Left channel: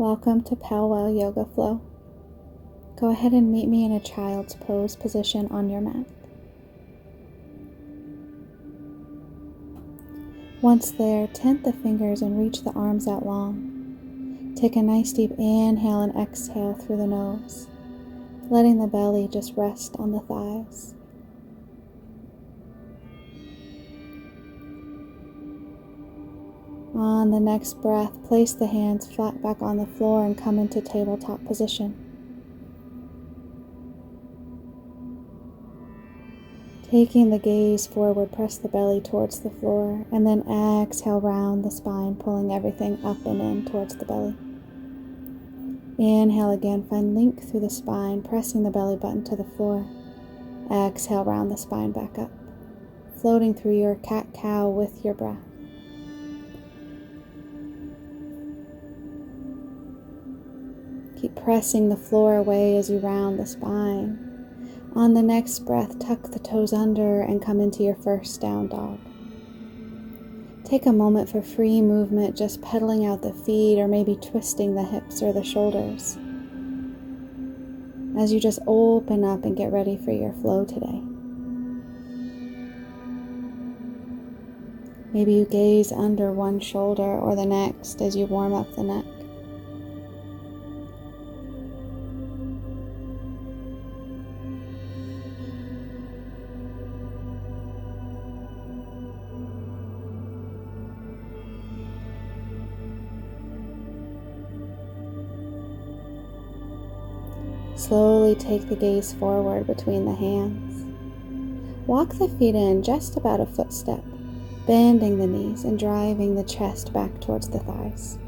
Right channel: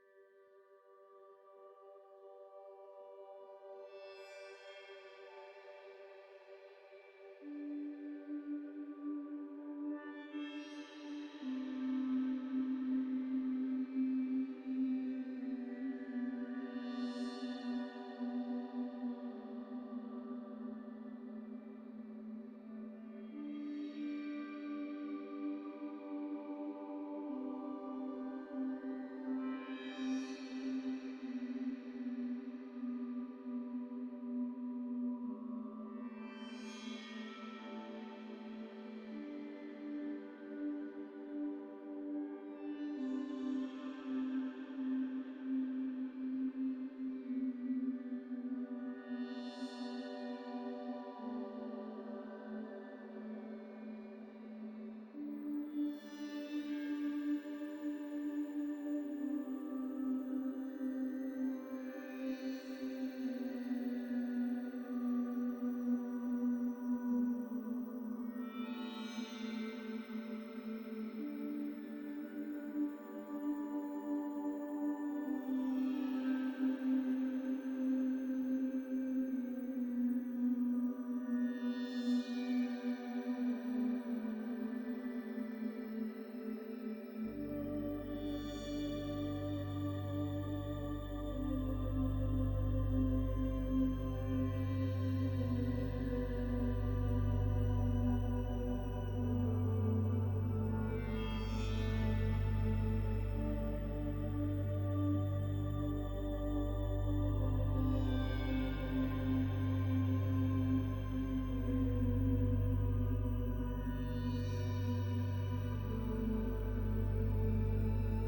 Welcome to Pelwell Yoga Flow. Go ahead and meet me in a child's pose position on your mat. Once there, tent the fingers and reach the arms out long. Take a nice deep inhale and exhale through the nose, letting the belly just rest on the thighs. On the next breath, place the hands flat back on the floor and come into tabletop position. Taking the gaze forward, press the belly towards the floor, and then exhale, round the spine, pulling everything up and in towards the belly. Inhale again, find length through the spine, pressing the belly button to the floor. Exhale, round the spine back up, floating through your cat-cow with your breath. Keep pressing the floor away as you round the spine. On the next breath, tuck the toes under and come into your first down dog. Take a moment for free movement, just pedaling out the feet or maybe twisting the hips or the shoulders as you just open up and get ready for your flow today. Maybe you gaze under one shoulder or the next as you warm up the neck. Slowly take the gaze forward between the hands. Walk the feet in just about a footstep, bending the knees and driving the chest back towards the thighs.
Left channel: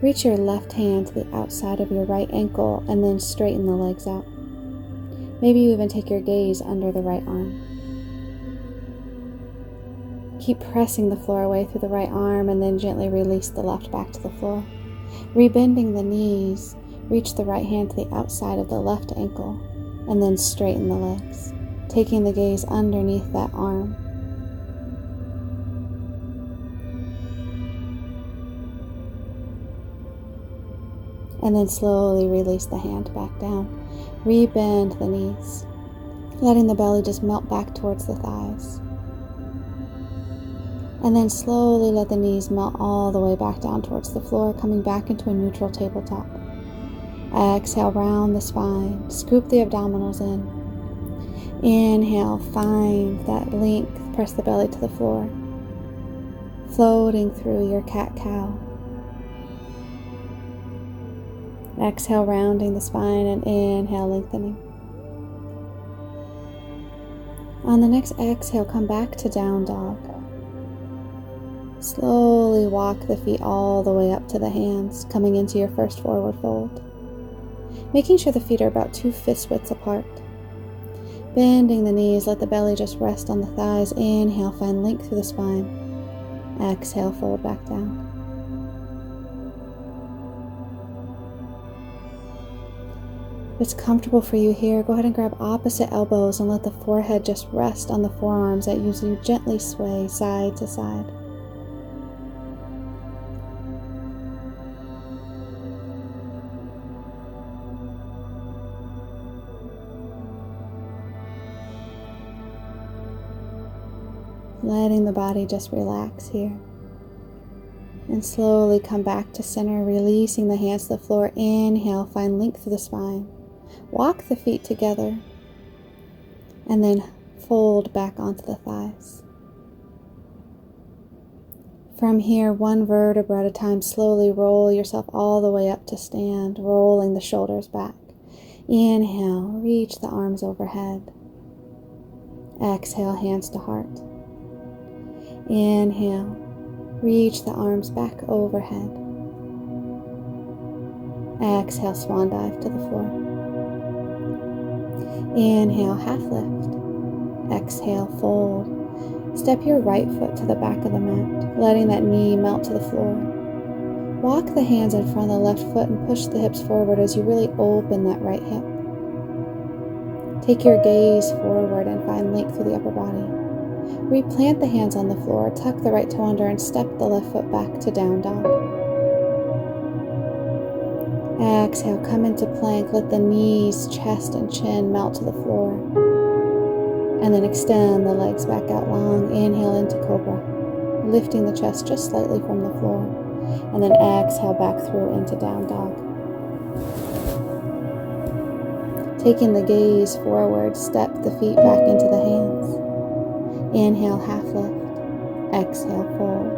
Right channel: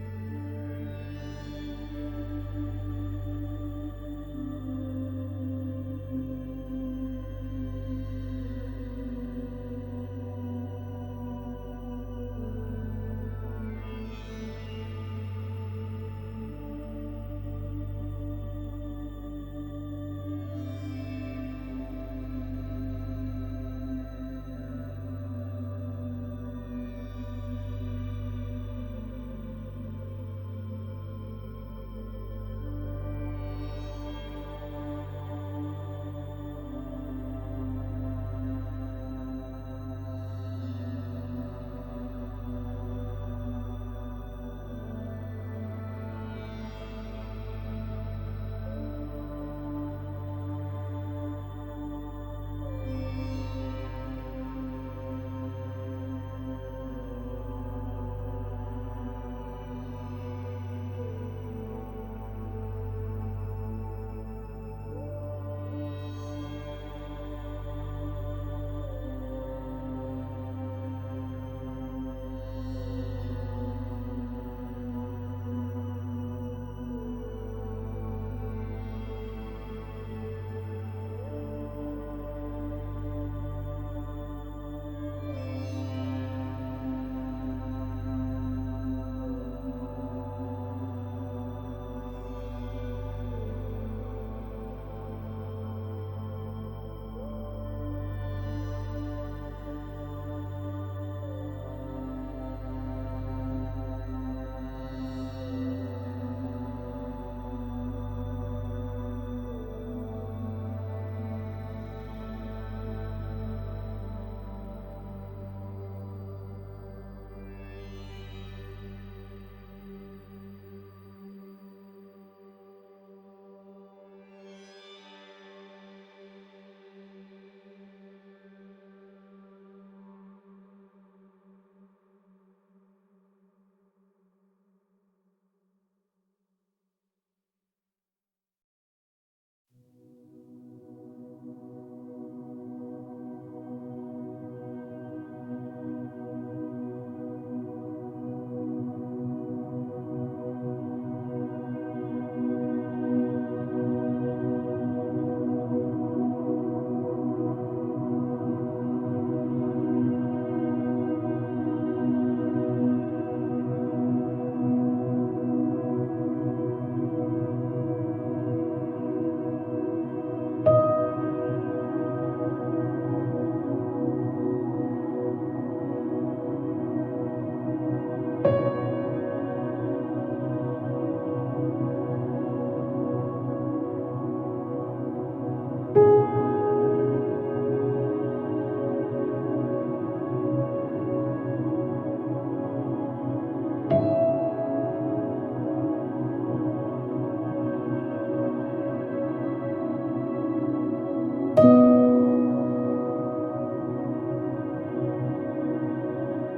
Reach your left hand to the outside of your right ankle and then straighten the legs out. Maybe you even take your gaze under the right arm. Keep pressing the floor away through the right arm and then gently release the left back to the floor. Rebending the knees, reach the right hand to the outside of the left ankle and then straighten the legs, taking the gaze underneath that arm. And then slowly release the hand back down. Rebend the knees, letting the belly just melt back towards the thighs. And then slowly let the knees melt all the way back down towards the floor, coming back into a neutral tabletop. Exhale, round the spine, scoop the abdominals in. Inhale, find that length, press the belly to the floor, floating through your cat-cow. Exhale, rounding the spine, and inhale, lengthening. On the next exhale, come back to down dog. Slowly walk the feet all the way up to the hands, coming into your first forward fold. Making sure the feet are about 2 fist widths apart. Bending the knees, let the belly just rest on the thighs. Inhale, find length through the spine. Exhale, fold back down. If it's comfortable for you here, go ahead and grab opposite elbows and let the forehead just rest on the forearms as you gently sway side to side. Letting the body just relax here. And slowly come back to center, releasing the hands to the floor. Inhale, find length through the spine. Walk the feet together. And then fold back onto the thighs. From here, one vertebra at a time, slowly roll yourself all the way up to stand, rolling the shoulders back. Inhale, reach the arms overhead. Exhale, hands to heart. Inhale, reach the arms back overhead. Exhale, swan dive to the floor. Inhale, half lift. Exhale, fold. Step your right foot to the back of the mat, letting that knee melt to the floor. Walk the hands in front of the left foot and push the hips forward as you really open that right hip. Take your gaze forward and find length through the upper body. Replant the hands on the floor, tuck the right toe under, and step the left foot back to down dog. Exhale, come into plank. Let the knees, chest, and chin melt to the floor. And then extend the legs back out long. Inhale into cobra, lifting the chest just slightly from the floor. And then exhale back through into down dog. Taking the gaze forward, step the feet back into the hands. Inhale, half lift. Exhale, fold.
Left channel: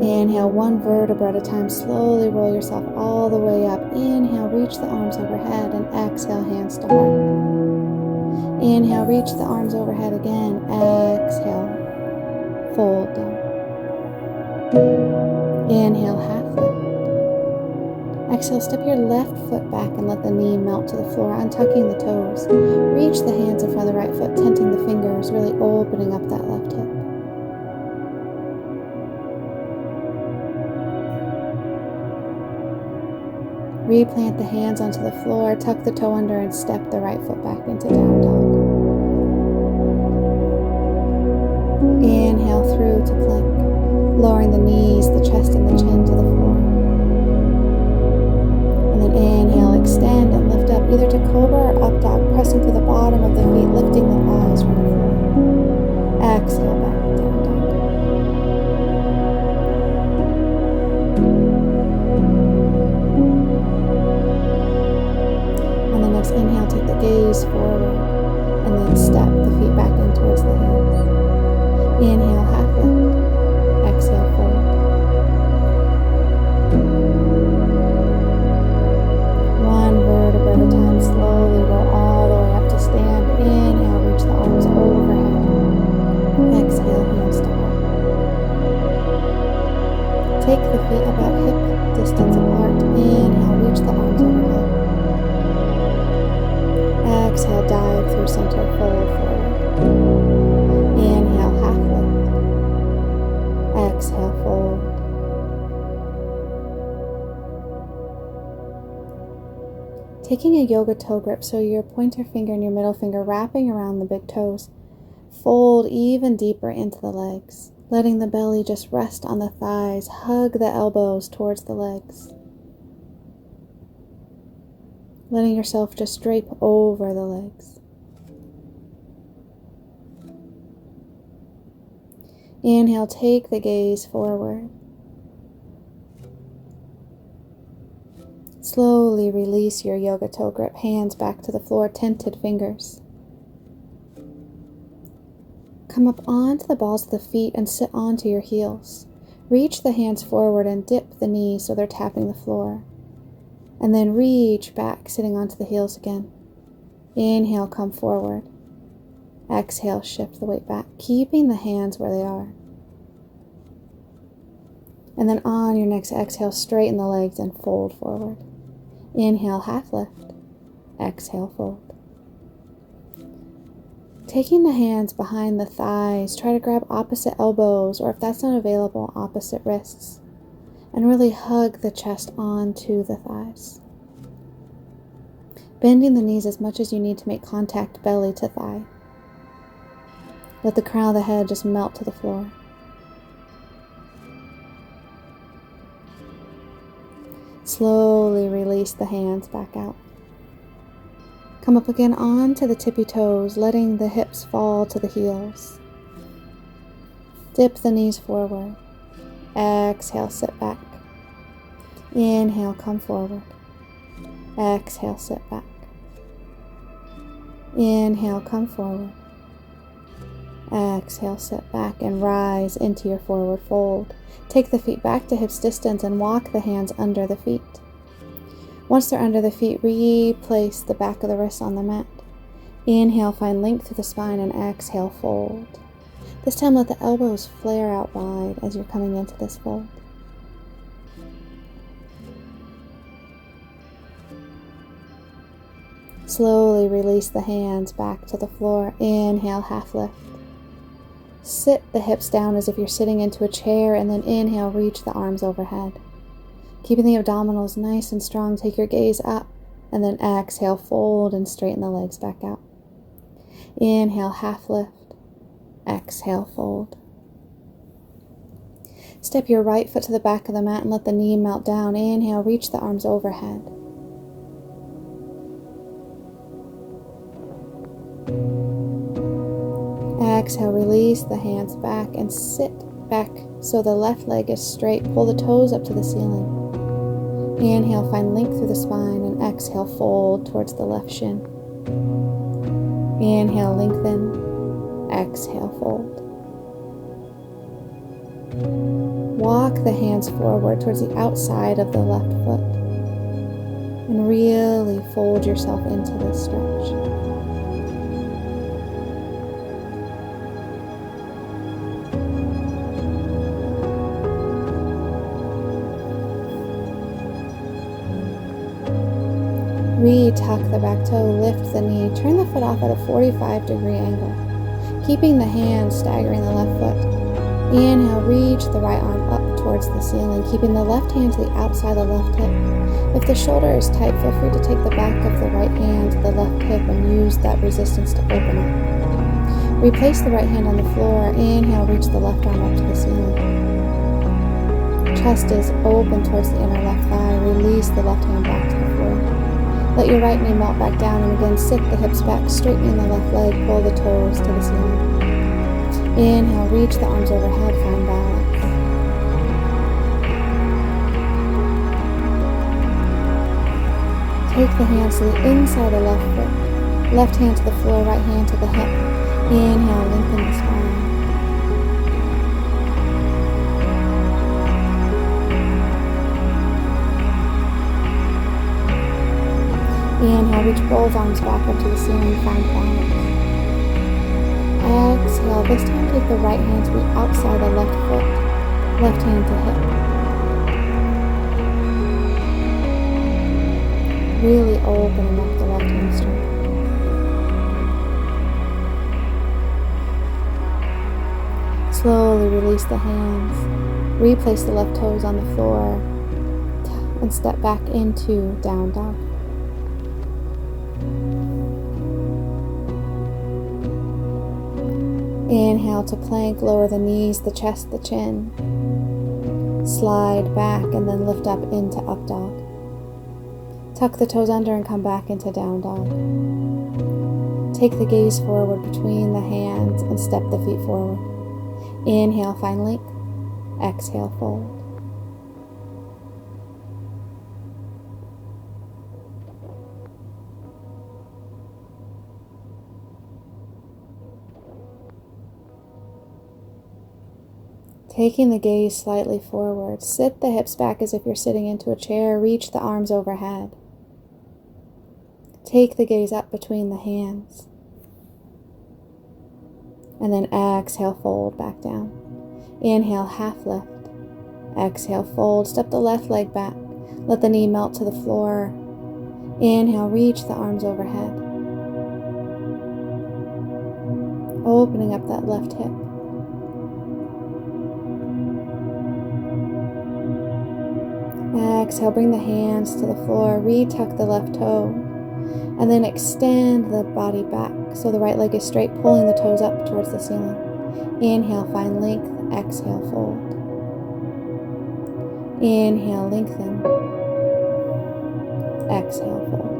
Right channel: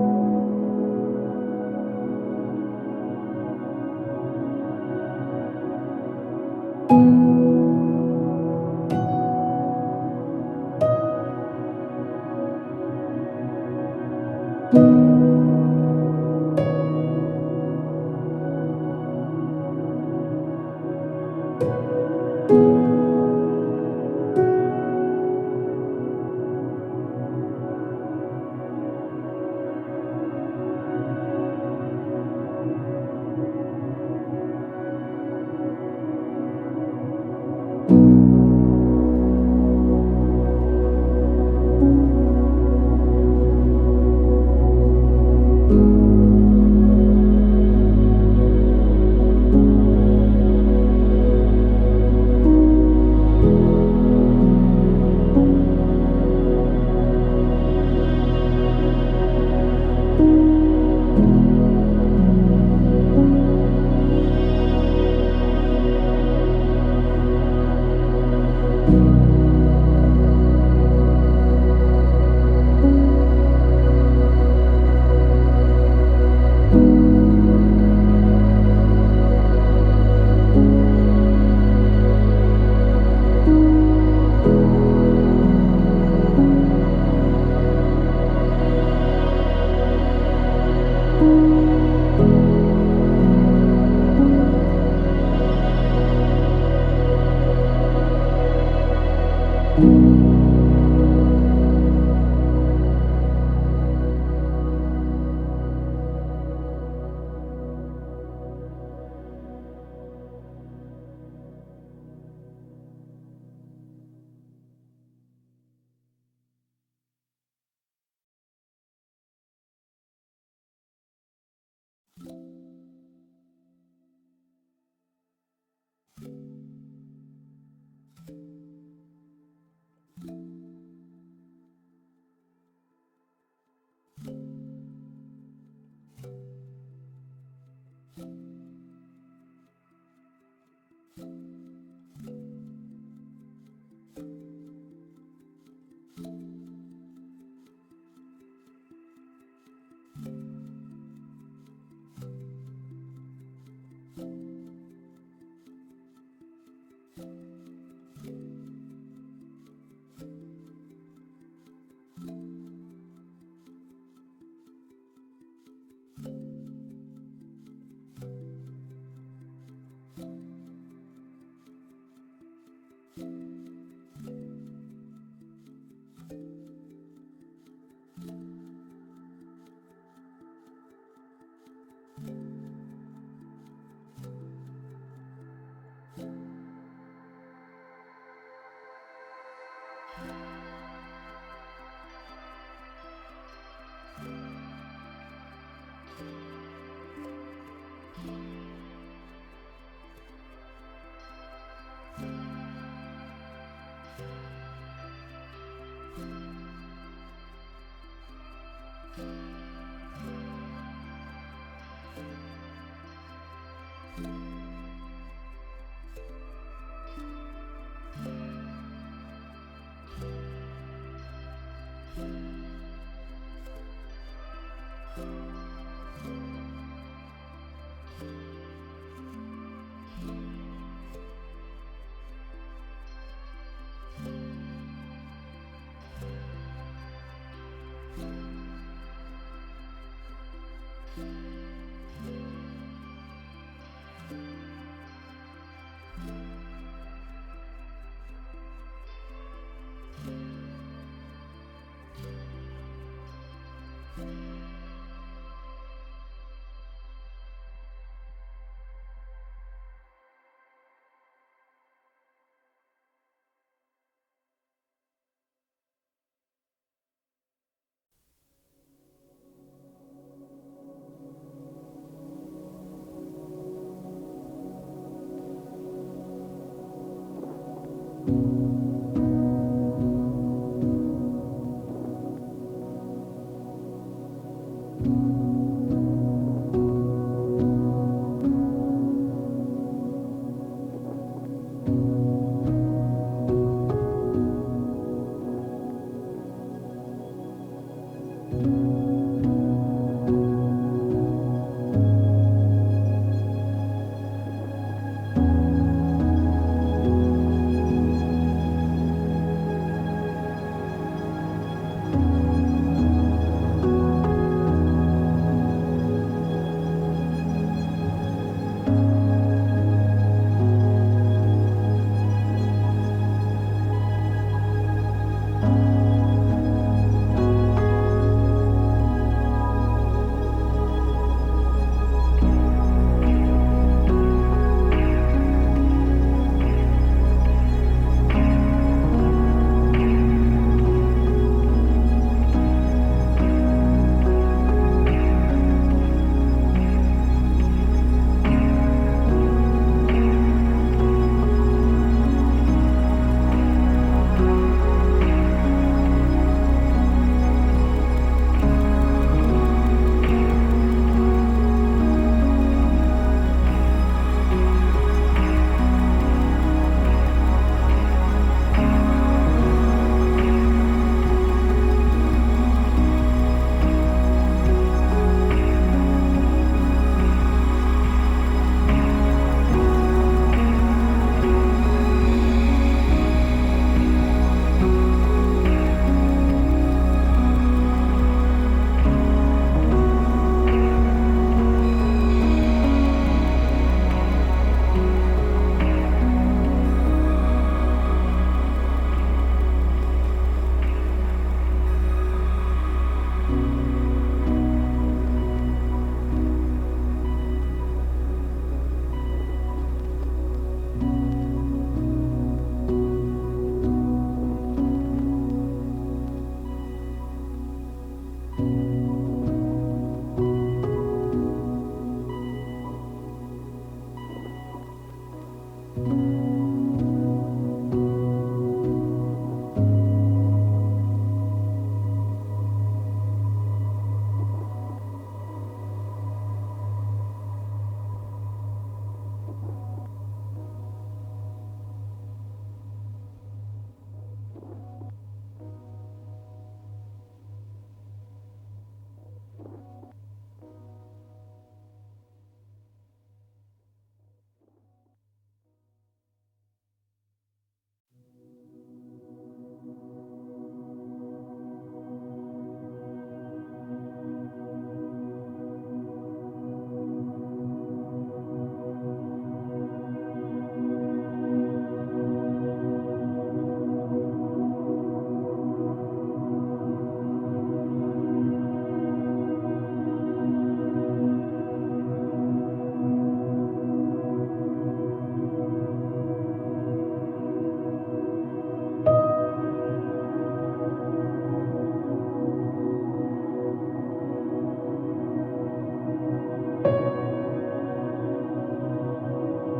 Inhale, one vertebra at a time. Slowly roll yourself all the way up. Inhale, reach the arms overhead, and exhale, hands to heart. Inhale, reach the arms overhead again. Exhale, fold down. Inhale, half lift. Exhale, step your left foot back and let the knee melt to the floor, untucking the toes. Reach the hands in front of the right foot, tenting the fingers, really opening up that left hip. Replant the hands onto the floor, tuck the toe under, and step the right foot back into down dog. Inhale through to plank, lowering the knees, the chest, and the chin to the floor. And then inhale, extend and lift up, either to cobra or up dog, pressing through the bottom of the feet, lifting the thighs from the floor. Exhale, back to down dog. Inhale, take the gaze forward, and then step the feet back in towards the hands. Inhale, half lift. Exhale, fold. One vertebra at a time, slowly roll all the way up to stand. Inhale, reach the arms overhead. Exhale, hands to heart. Take the feet about hip distance apart. Inhale, reach the arms overhead. Exhale, dive through center, fold forward. Inhale, half lift. Exhale, fold. Taking a yoga toe grip, so your pointer finger and your middle finger wrapping around the big toes. Fold even deeper into the legs, letting the belly just rest on the thighs. Hug the elbows towards the legs. Letting yourself just drape over the legs. Inhale, take the gaze forward. Slowly release your yoga toe grip, hands back to the floor, tented fingers. Come up onto the balls of the feet and sit onto your heels. Reach the hands forward and dip the knees so they're tapping the floor. And then reach back, sitting onto the heels again. Inhale, come forward. Exhale, shift the weight back, keeping the hands where they are. And then on your next exhale, straighten the legs and fold forward. Inhale, half lift. Exhale, fold. Taking the hands behind the thighs, try to grab opposite elbows, or if that's not available, opposite wrists. And really hug the chest onto the thighs. Bending the knees as much as you need to make contact belly to thigh. Let the crown of the head just melt to the floor. Slowly release the hands back out. Come up again onto the tippy toes, letting the hips fall to the heels. Dip the knees forward. Exhale, sit back. Inhale, come forward. Exhale, sit back. Inhale, come forward. Exhale, sit back and rise into your forward fold. Take the feet back to hips distance and walk the hands under the feet. Once they're under the feet, replace the back of the wrists on the mat. Inhale, find length through the spine, and exhale, fold. This time let the elbows flare out wide as you're coming into this fold. Slowly release the hands back to the floor. Inhale, half lift. Sit the hips down as if you're sitting into a chair, and then inhale, reach the arms overhead. Keeping the abdominals nice and strong, take your gaze up, and then exhale, fold and straighten the legs back out. Inhale, half lift. Exhale, fold. Step your right foot to the back of the mat and let the knee melt down. Inhale, reach the arms overhead. Exhale, release the hands back and sit back so the left leg is straight. Pull the toes up to the ceiling. Inhale, find length through the spine, and exhale, fold towards the left shin. Inhale, lengthen. Exhale, fold. Walk the hands forward towards the outside of the left foot and really fold yourself into this stretch. Re-tuck the back toe, lift the knee, turn the foot off at a 45-degree angle, keeping the hands staggering the left foot. Inhale, reach the right arm up towards the ceiling, keeping the left hand to the outside of the left hip. If the shoulder is tight, feel free to take the back of the right hand to the left hip and use that resistance to open it. Replace the right hand on the floor. Inhale, reach the left arm up to the ceiling. Chest is open towards the inner left thigh. Release the left hand back to the floor. Let your right knee melt back down, and again sit the hips back, straightening the left leg, pull the toes to the ceiling. Inhale, reach the arms overhead, find balance. Take the hands to the inside of left foot. Left hand to the floor, right hand to the hip. Inhale, lengthen the spine. Inhale, reach both arms backward to the ceiling, find balance. Exhale, this time take the right hand to the outside of the left foot, left hand to hip. Really open up the left hamstring. Slowly release the hands. Replace the left toes on the floor and step back into down dog. Inhale to plank, lower the knees, the chest, the chin. Slide back and then lift up into up dog. Tuck the toes under and come back into down dog. Take the gaze forward between the hands and step the feet forward. Inhale, find length. Exhale, fold. Taking the gaze slightly forward, sit the hips back as if you're sitting into a chair, reach the arms overhead. Take the gaze up between the hands. And then exhale, fold back down. Inhale, half lift. Exhale, fold. Step the left leg back. Let the knee melt to the floor. Inhale, reach the arms overhead. Opening up that left hip. Exhale, bring the hands to the floor, retuck the left toe, and then extend the body back so the right leg is straight, pulling the toes up towards the ceiling. Inhale, find length. Exhale, fold. Inhale, lengthen. Exhale, fold.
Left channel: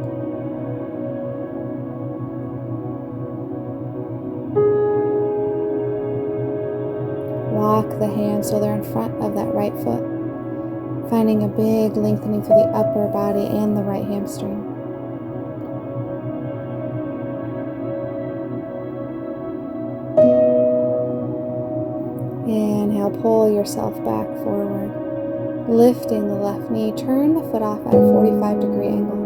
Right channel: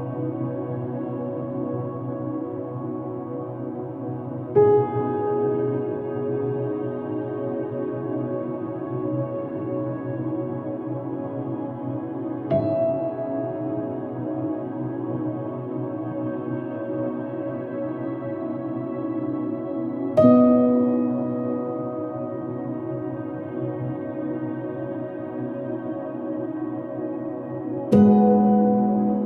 Walk the hands so they're in front of that right foot, finding a big lengthening through the upper body and the right hamstring. Inhale, pull yourself back forward, lifting the left knee. Turn the foot off at a 45-degree angle.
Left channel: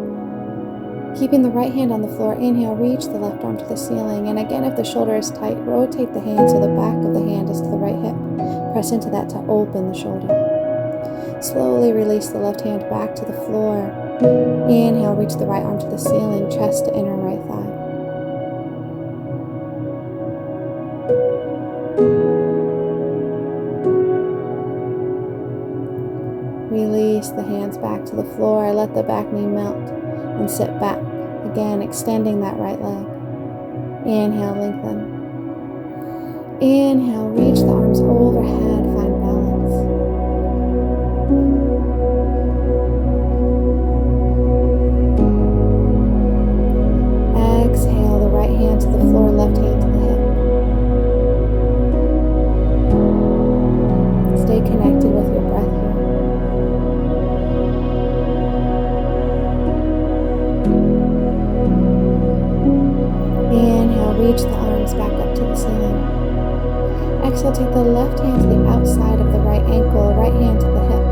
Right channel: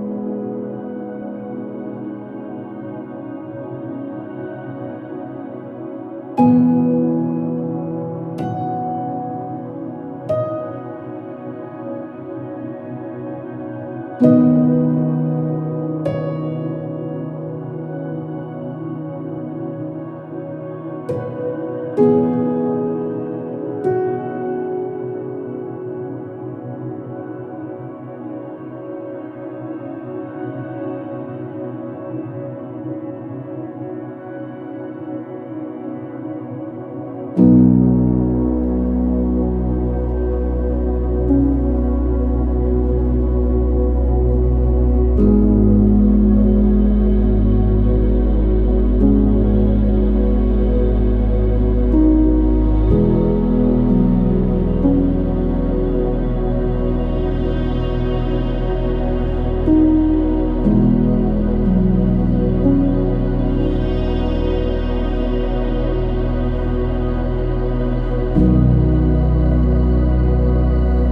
Keeping the right hand on the floor, inhale, reach the left arm to the ceiling. And again, if the shoulder is tight, rotate the hand so the back of the hand is to the right hip. Press into that to open the shoulder. Slowly release the left hand back to the floor. Inhale, reach the right arm to the ceiling, chest to inner right thigh. Release the hands back to the floor. Let the back knee melt and sit back. Again, extending that right leg. Inhale, lengthen. Inhale, reach the arms overhead, find balance. Exhale, take the left hand to the outside of the right ankle, right hand to the hip.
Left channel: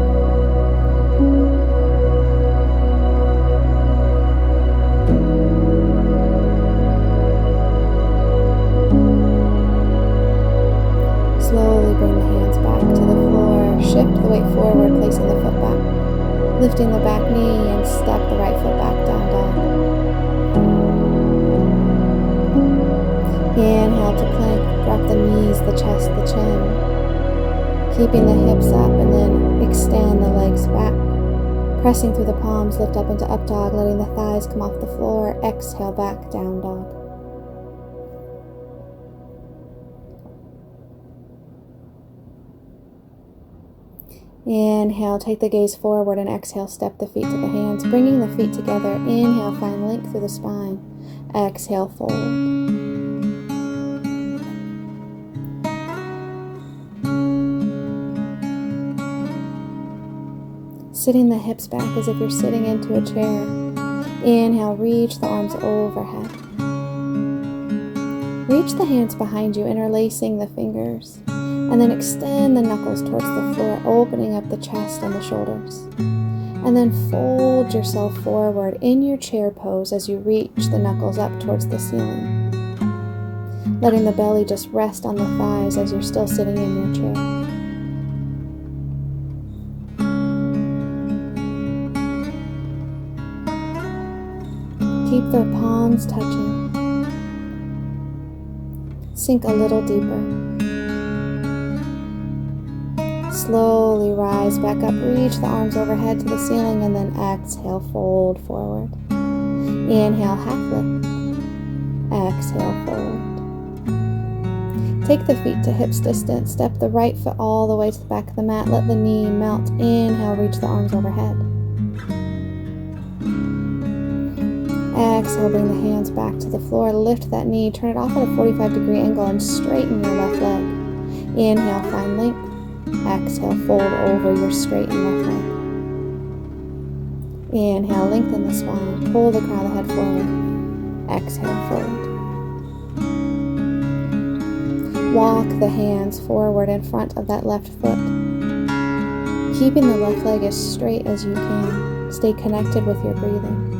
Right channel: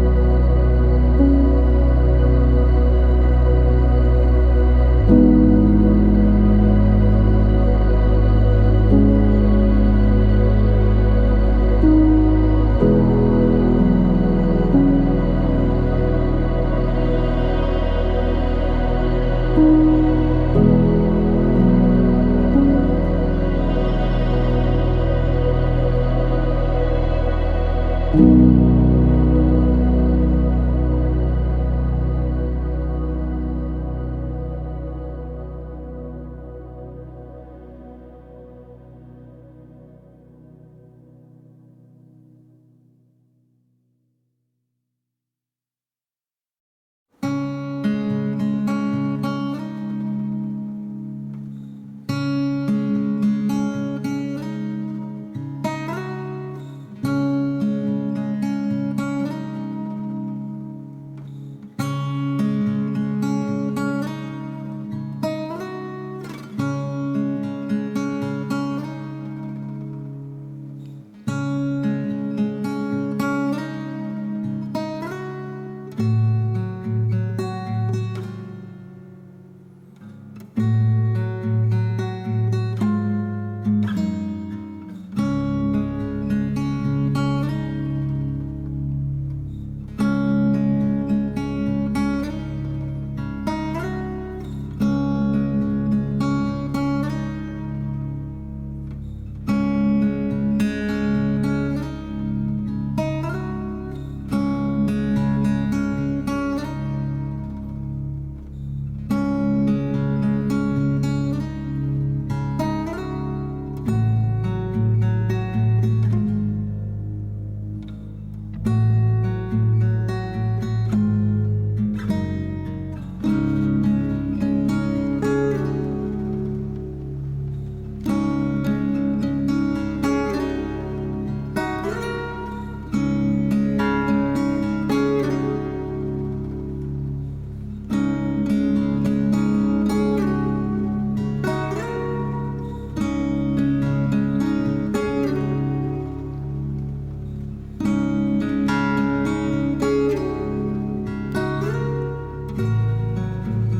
Slowly bring the hands back to the floor. Shift the weight forward, placing the foot back. Lifting the back knee and step the right foot back down dog. Inhale to plank. Drop the knees, the chest, the chin. Keeping the hips up and then extend the legs back. Pressing through the palms, lift up into up dog, letting the thighs come off the floor. Exhale, back down dog. Inhale, take the gaze forward, and exhale, step the feet to the hands, bringing the feet together. Inhale, find length through the spine. Exhale, fold. Sitting the hips back as if you're sitting into a chair. Inhale, reach the arms overhead. Reach the hands behind you, interlacing the fingers. And then extend the knuckles towards the floor, opening up the chest and the shoulders. And then fold yourself forward in your chair pose as you reach the knuckles up towards the ceiling. Letting the belly just rest on the thighs as you're still sitting in your chair. Keep their palms touching. Sink a little deeper. Slowly rise back up, reach the arms overhead to the ceiling, and then exhale, fold forward. Inhale, half lift. Exhale, fold. Take the feet to hips distance. Step the right foot all the way to the back of the mat. Let the knee melt. Inhale, reach the arms overhead. Exhale, bring the hands back to the floor. Lift that knee, turn it off at a 45-degree angle, and straighten your left leg. Inhale, find length. Exhale, fold over your straight left leg. Inhale, lengthen the spine. Pull the crown of the head forward. Exhale, fold. Walk the hands forward in front of that left foot. Keeping the left leg as straight as you can. Stay connected with your breathing.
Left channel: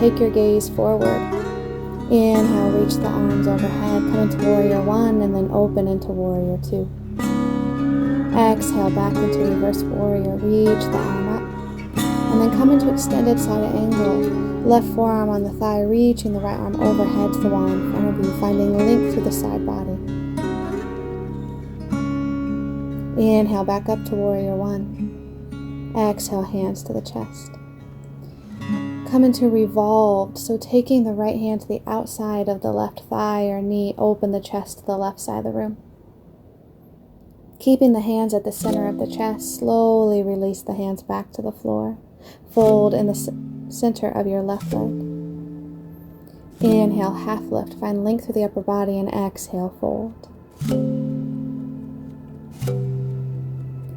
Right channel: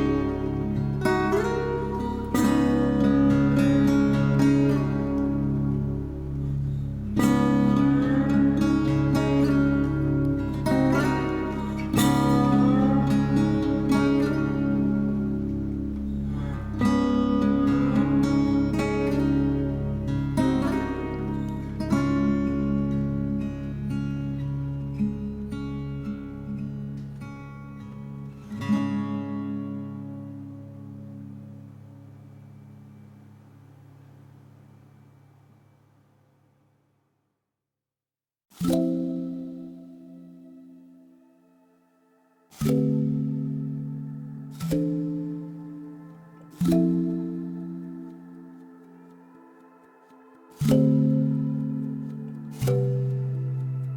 Take your gaze forward. Inhale, reach the arms overhead, come into warrior one, and then open into warrior two. Exhale, back into reverse warrior, reach the arm up. And then come into extended side angle. Left forearm on the thigh, reaching the right arm overhead to the wall in front of you, finding length through the side body. Inhale, back up to warrior one. Exhale, hands to the chest. Come into revolved, so taking the right hand to the outside of the left thigh or knee, open the chest to the left side of the room. Keeping the hands at the center of the chest, slowly release the hands back to the floor. Fold in the center of your left leg. Inhale, half lift, find length through the upper body, and exhale, fold.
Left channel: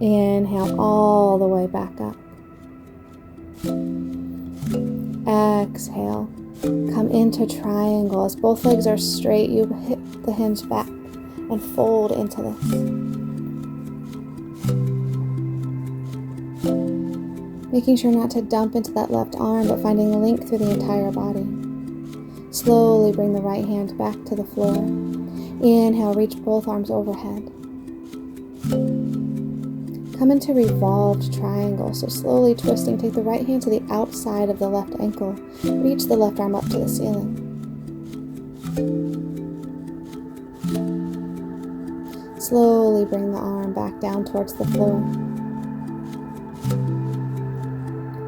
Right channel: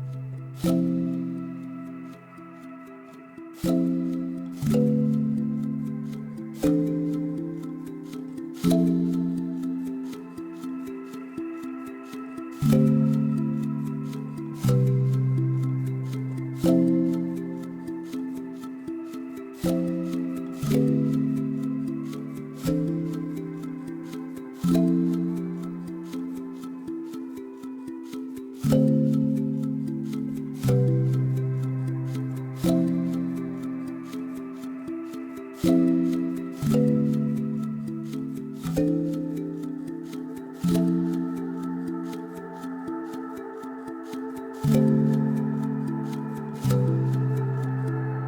Inhale all the way back up. Exhale, come into triangle. As both legs are straight, you hip the hinge back and fold into this. Making sure not to dump into that left arm, but finding length through the entire body. Slowly bring the right hand back to the floor. Inhale, reach both arms overhead. Come into revolved triangle, so slowly twisting, take the right hand to the outside of the left ankle. Reach the left arm up to the ceiling. Slowly bring the arm back down towards the floor.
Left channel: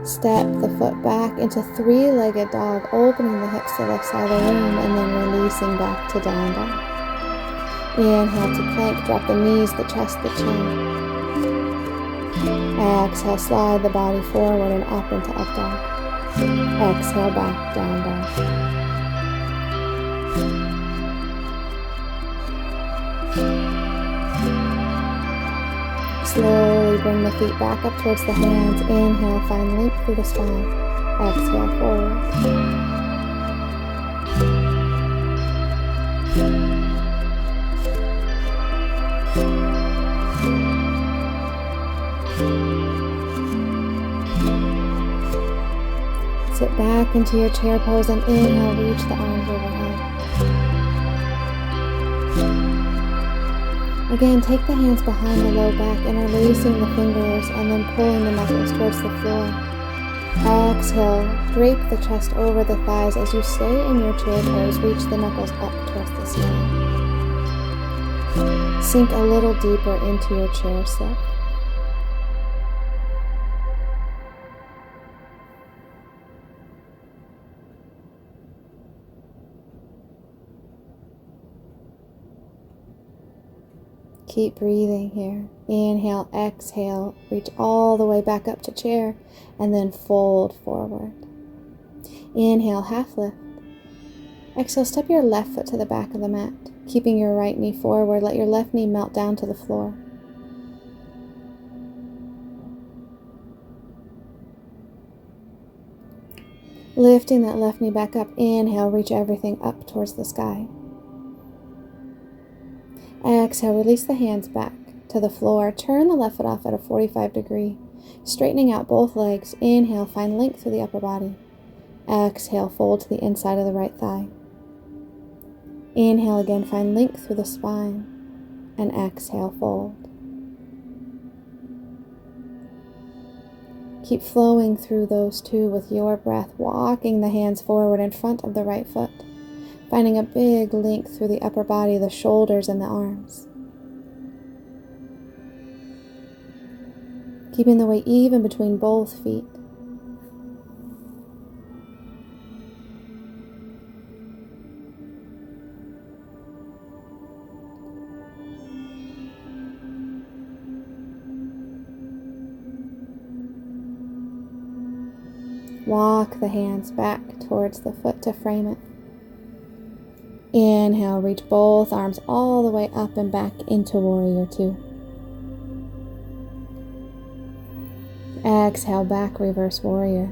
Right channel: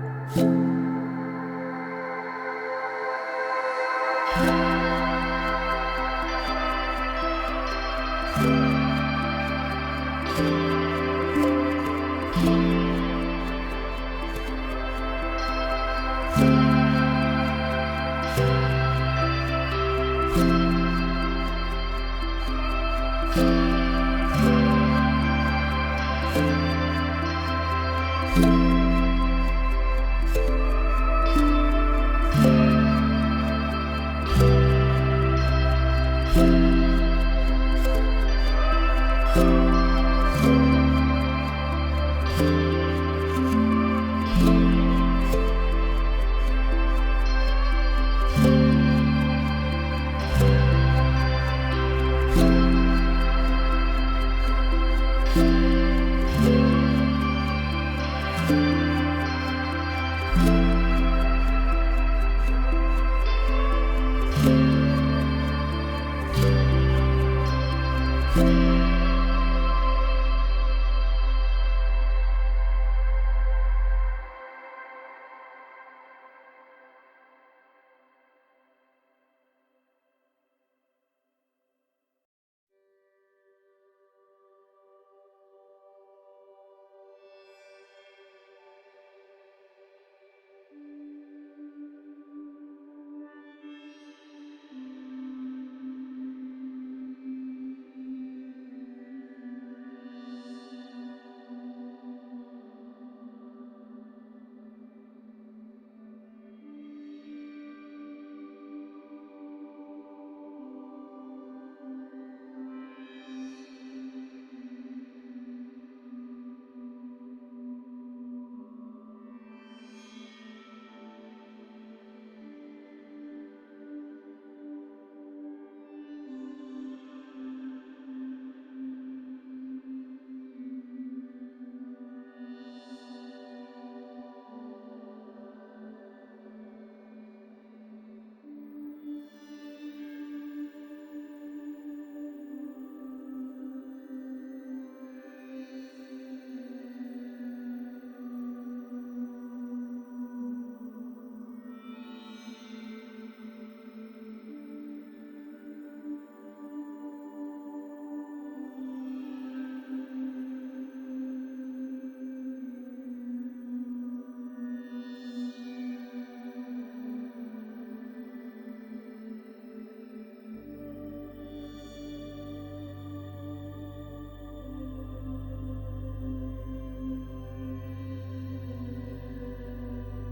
Step the foot back into three-legged dog, opening the hips to the left side of the room, and then releasing back to down dog. Inhale to plank, drop the knees, the chest, the chin. Exhale, slide the body forward and up into up dog. Exhale, back, down dog. back up towards the hands. Inhale, find length through the spine. Exhale, forward. Sit back into your chair pose and inhale, reach the arms overhead. Again, take the hands behind the low back, interlacing the fingers and then pulling the knuckles towards the floor. Exhale, drape the chest over the thighs as you stay in your chair pose. Reach the knuckles up towards the sky. Sink a little deeper into your chair sit. Keep breathing here. Inhale, exhale, reach all the way back up to chair, and then fold forward. Inhale, half lift. Exhale, step your left foot to the back of the mat, keeping your right knee forward. Let your left knee melt down to the floor. Lifting that left knee back up. Inhale, reach everything up towards the sky. Exhale, release the hands back to the floor. Turn the left foot off at a 45 degree, straightening out both legs. Inhale, find length through the upper body. Exhale, fold to the inside of the right thigh. Inhale again, find length through the spine. And exhale, fold. Keep flowing through those two with your breath, walking the hands forward in front of the right foot, finding a big length through the upper body, the shoulders, and the arms. Keeping the weight even between both feet. Walk the hands back towards the foot to frame it. Inhale, reach both arms all the way up and back into Warrior Two. Exhale, back Reverse Warrior.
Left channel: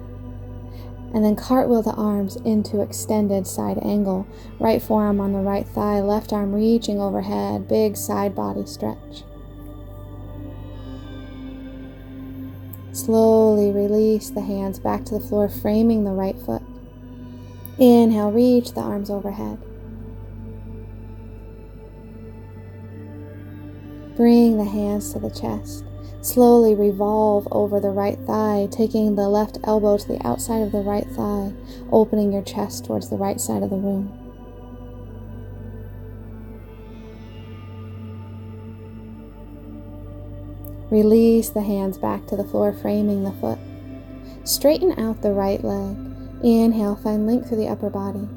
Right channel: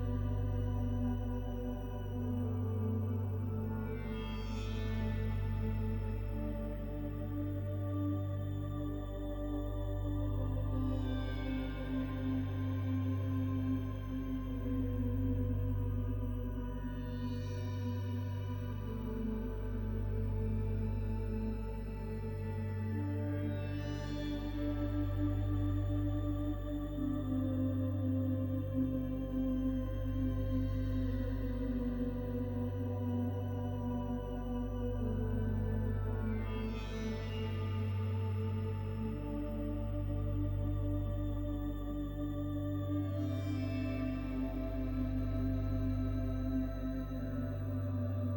And then cartwheel the arms into extended side angle. Right forearm on the right thigh, left arm reaching overhead, big side body stretch. Slowly release the hands back to the floor, framing the right foot. Inhale, reach the arms overhead. Bring the hands to the chest. Slowly revolve over the right thigh, taking the left elbow to the outside of the right thigh, opening your chest towards the right side of the room. Release the hands back to the floor, framing the foot. Straighten out the right leg. Inhale, find length through the upper body.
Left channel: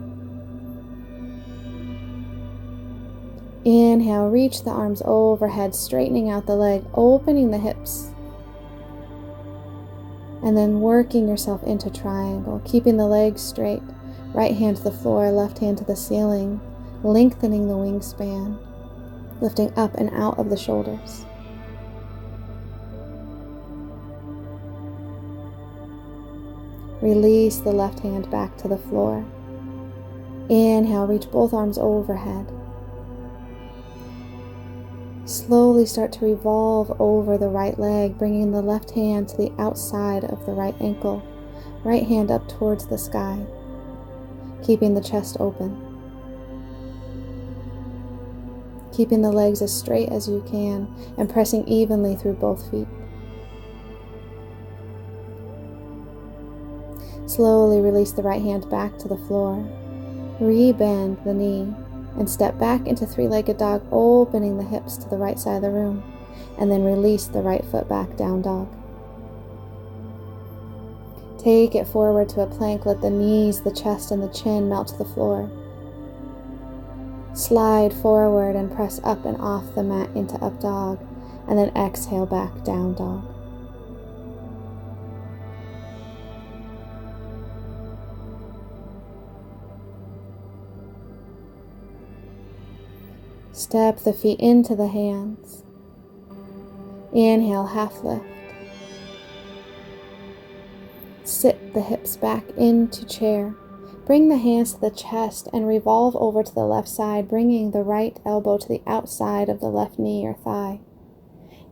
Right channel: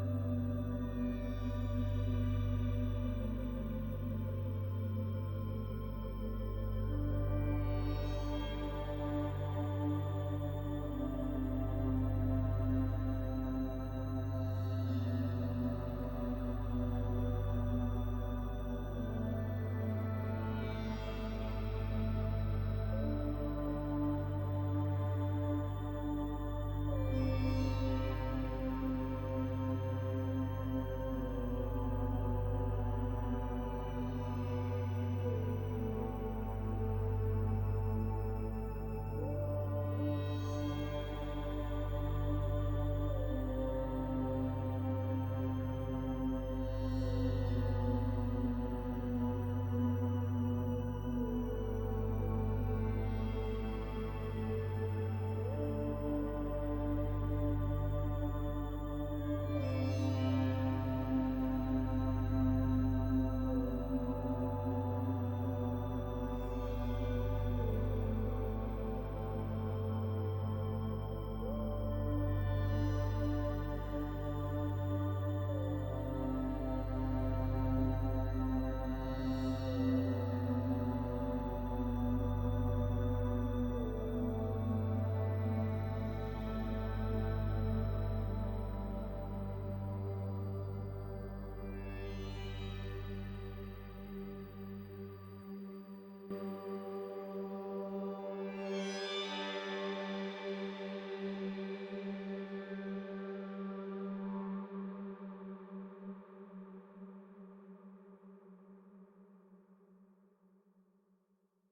Inhale, reach the arms overhead, straightening out the leg, opening the hips. And then working yourself into triangle, keeping the legs straight. Right hand to the floor, left hand to the ceiling, lengthening the wingspan, lifting up and out of the shoulders. Release the left hand back to the floor. Inhale, reach both arms overhead. Slowly start to revolve over the right leg, bringing the left hand to the outside of the right ankle. Right hand up towards the sky, keeping the chest open. Keeping the legs as straight as you can and pressing evenly through both feet. Slowly release the right hand back to the floor. Rebend the knee and step back into three-legged dog, opening the hips to the right side of the room, and then release the right foot back, down dog. Take it forward to a plank. Let the knees, the chest, and the chin melt to the floor. Slide forward and press up and off the mat into up dog, and then exhale back, down dog. Step the feet into the hands. Inhale, half lift. sit the hips back into chair. Bring the hands to the chest and revolve over to the left side, bringing the right elbow to the outside of the left knee or thigh.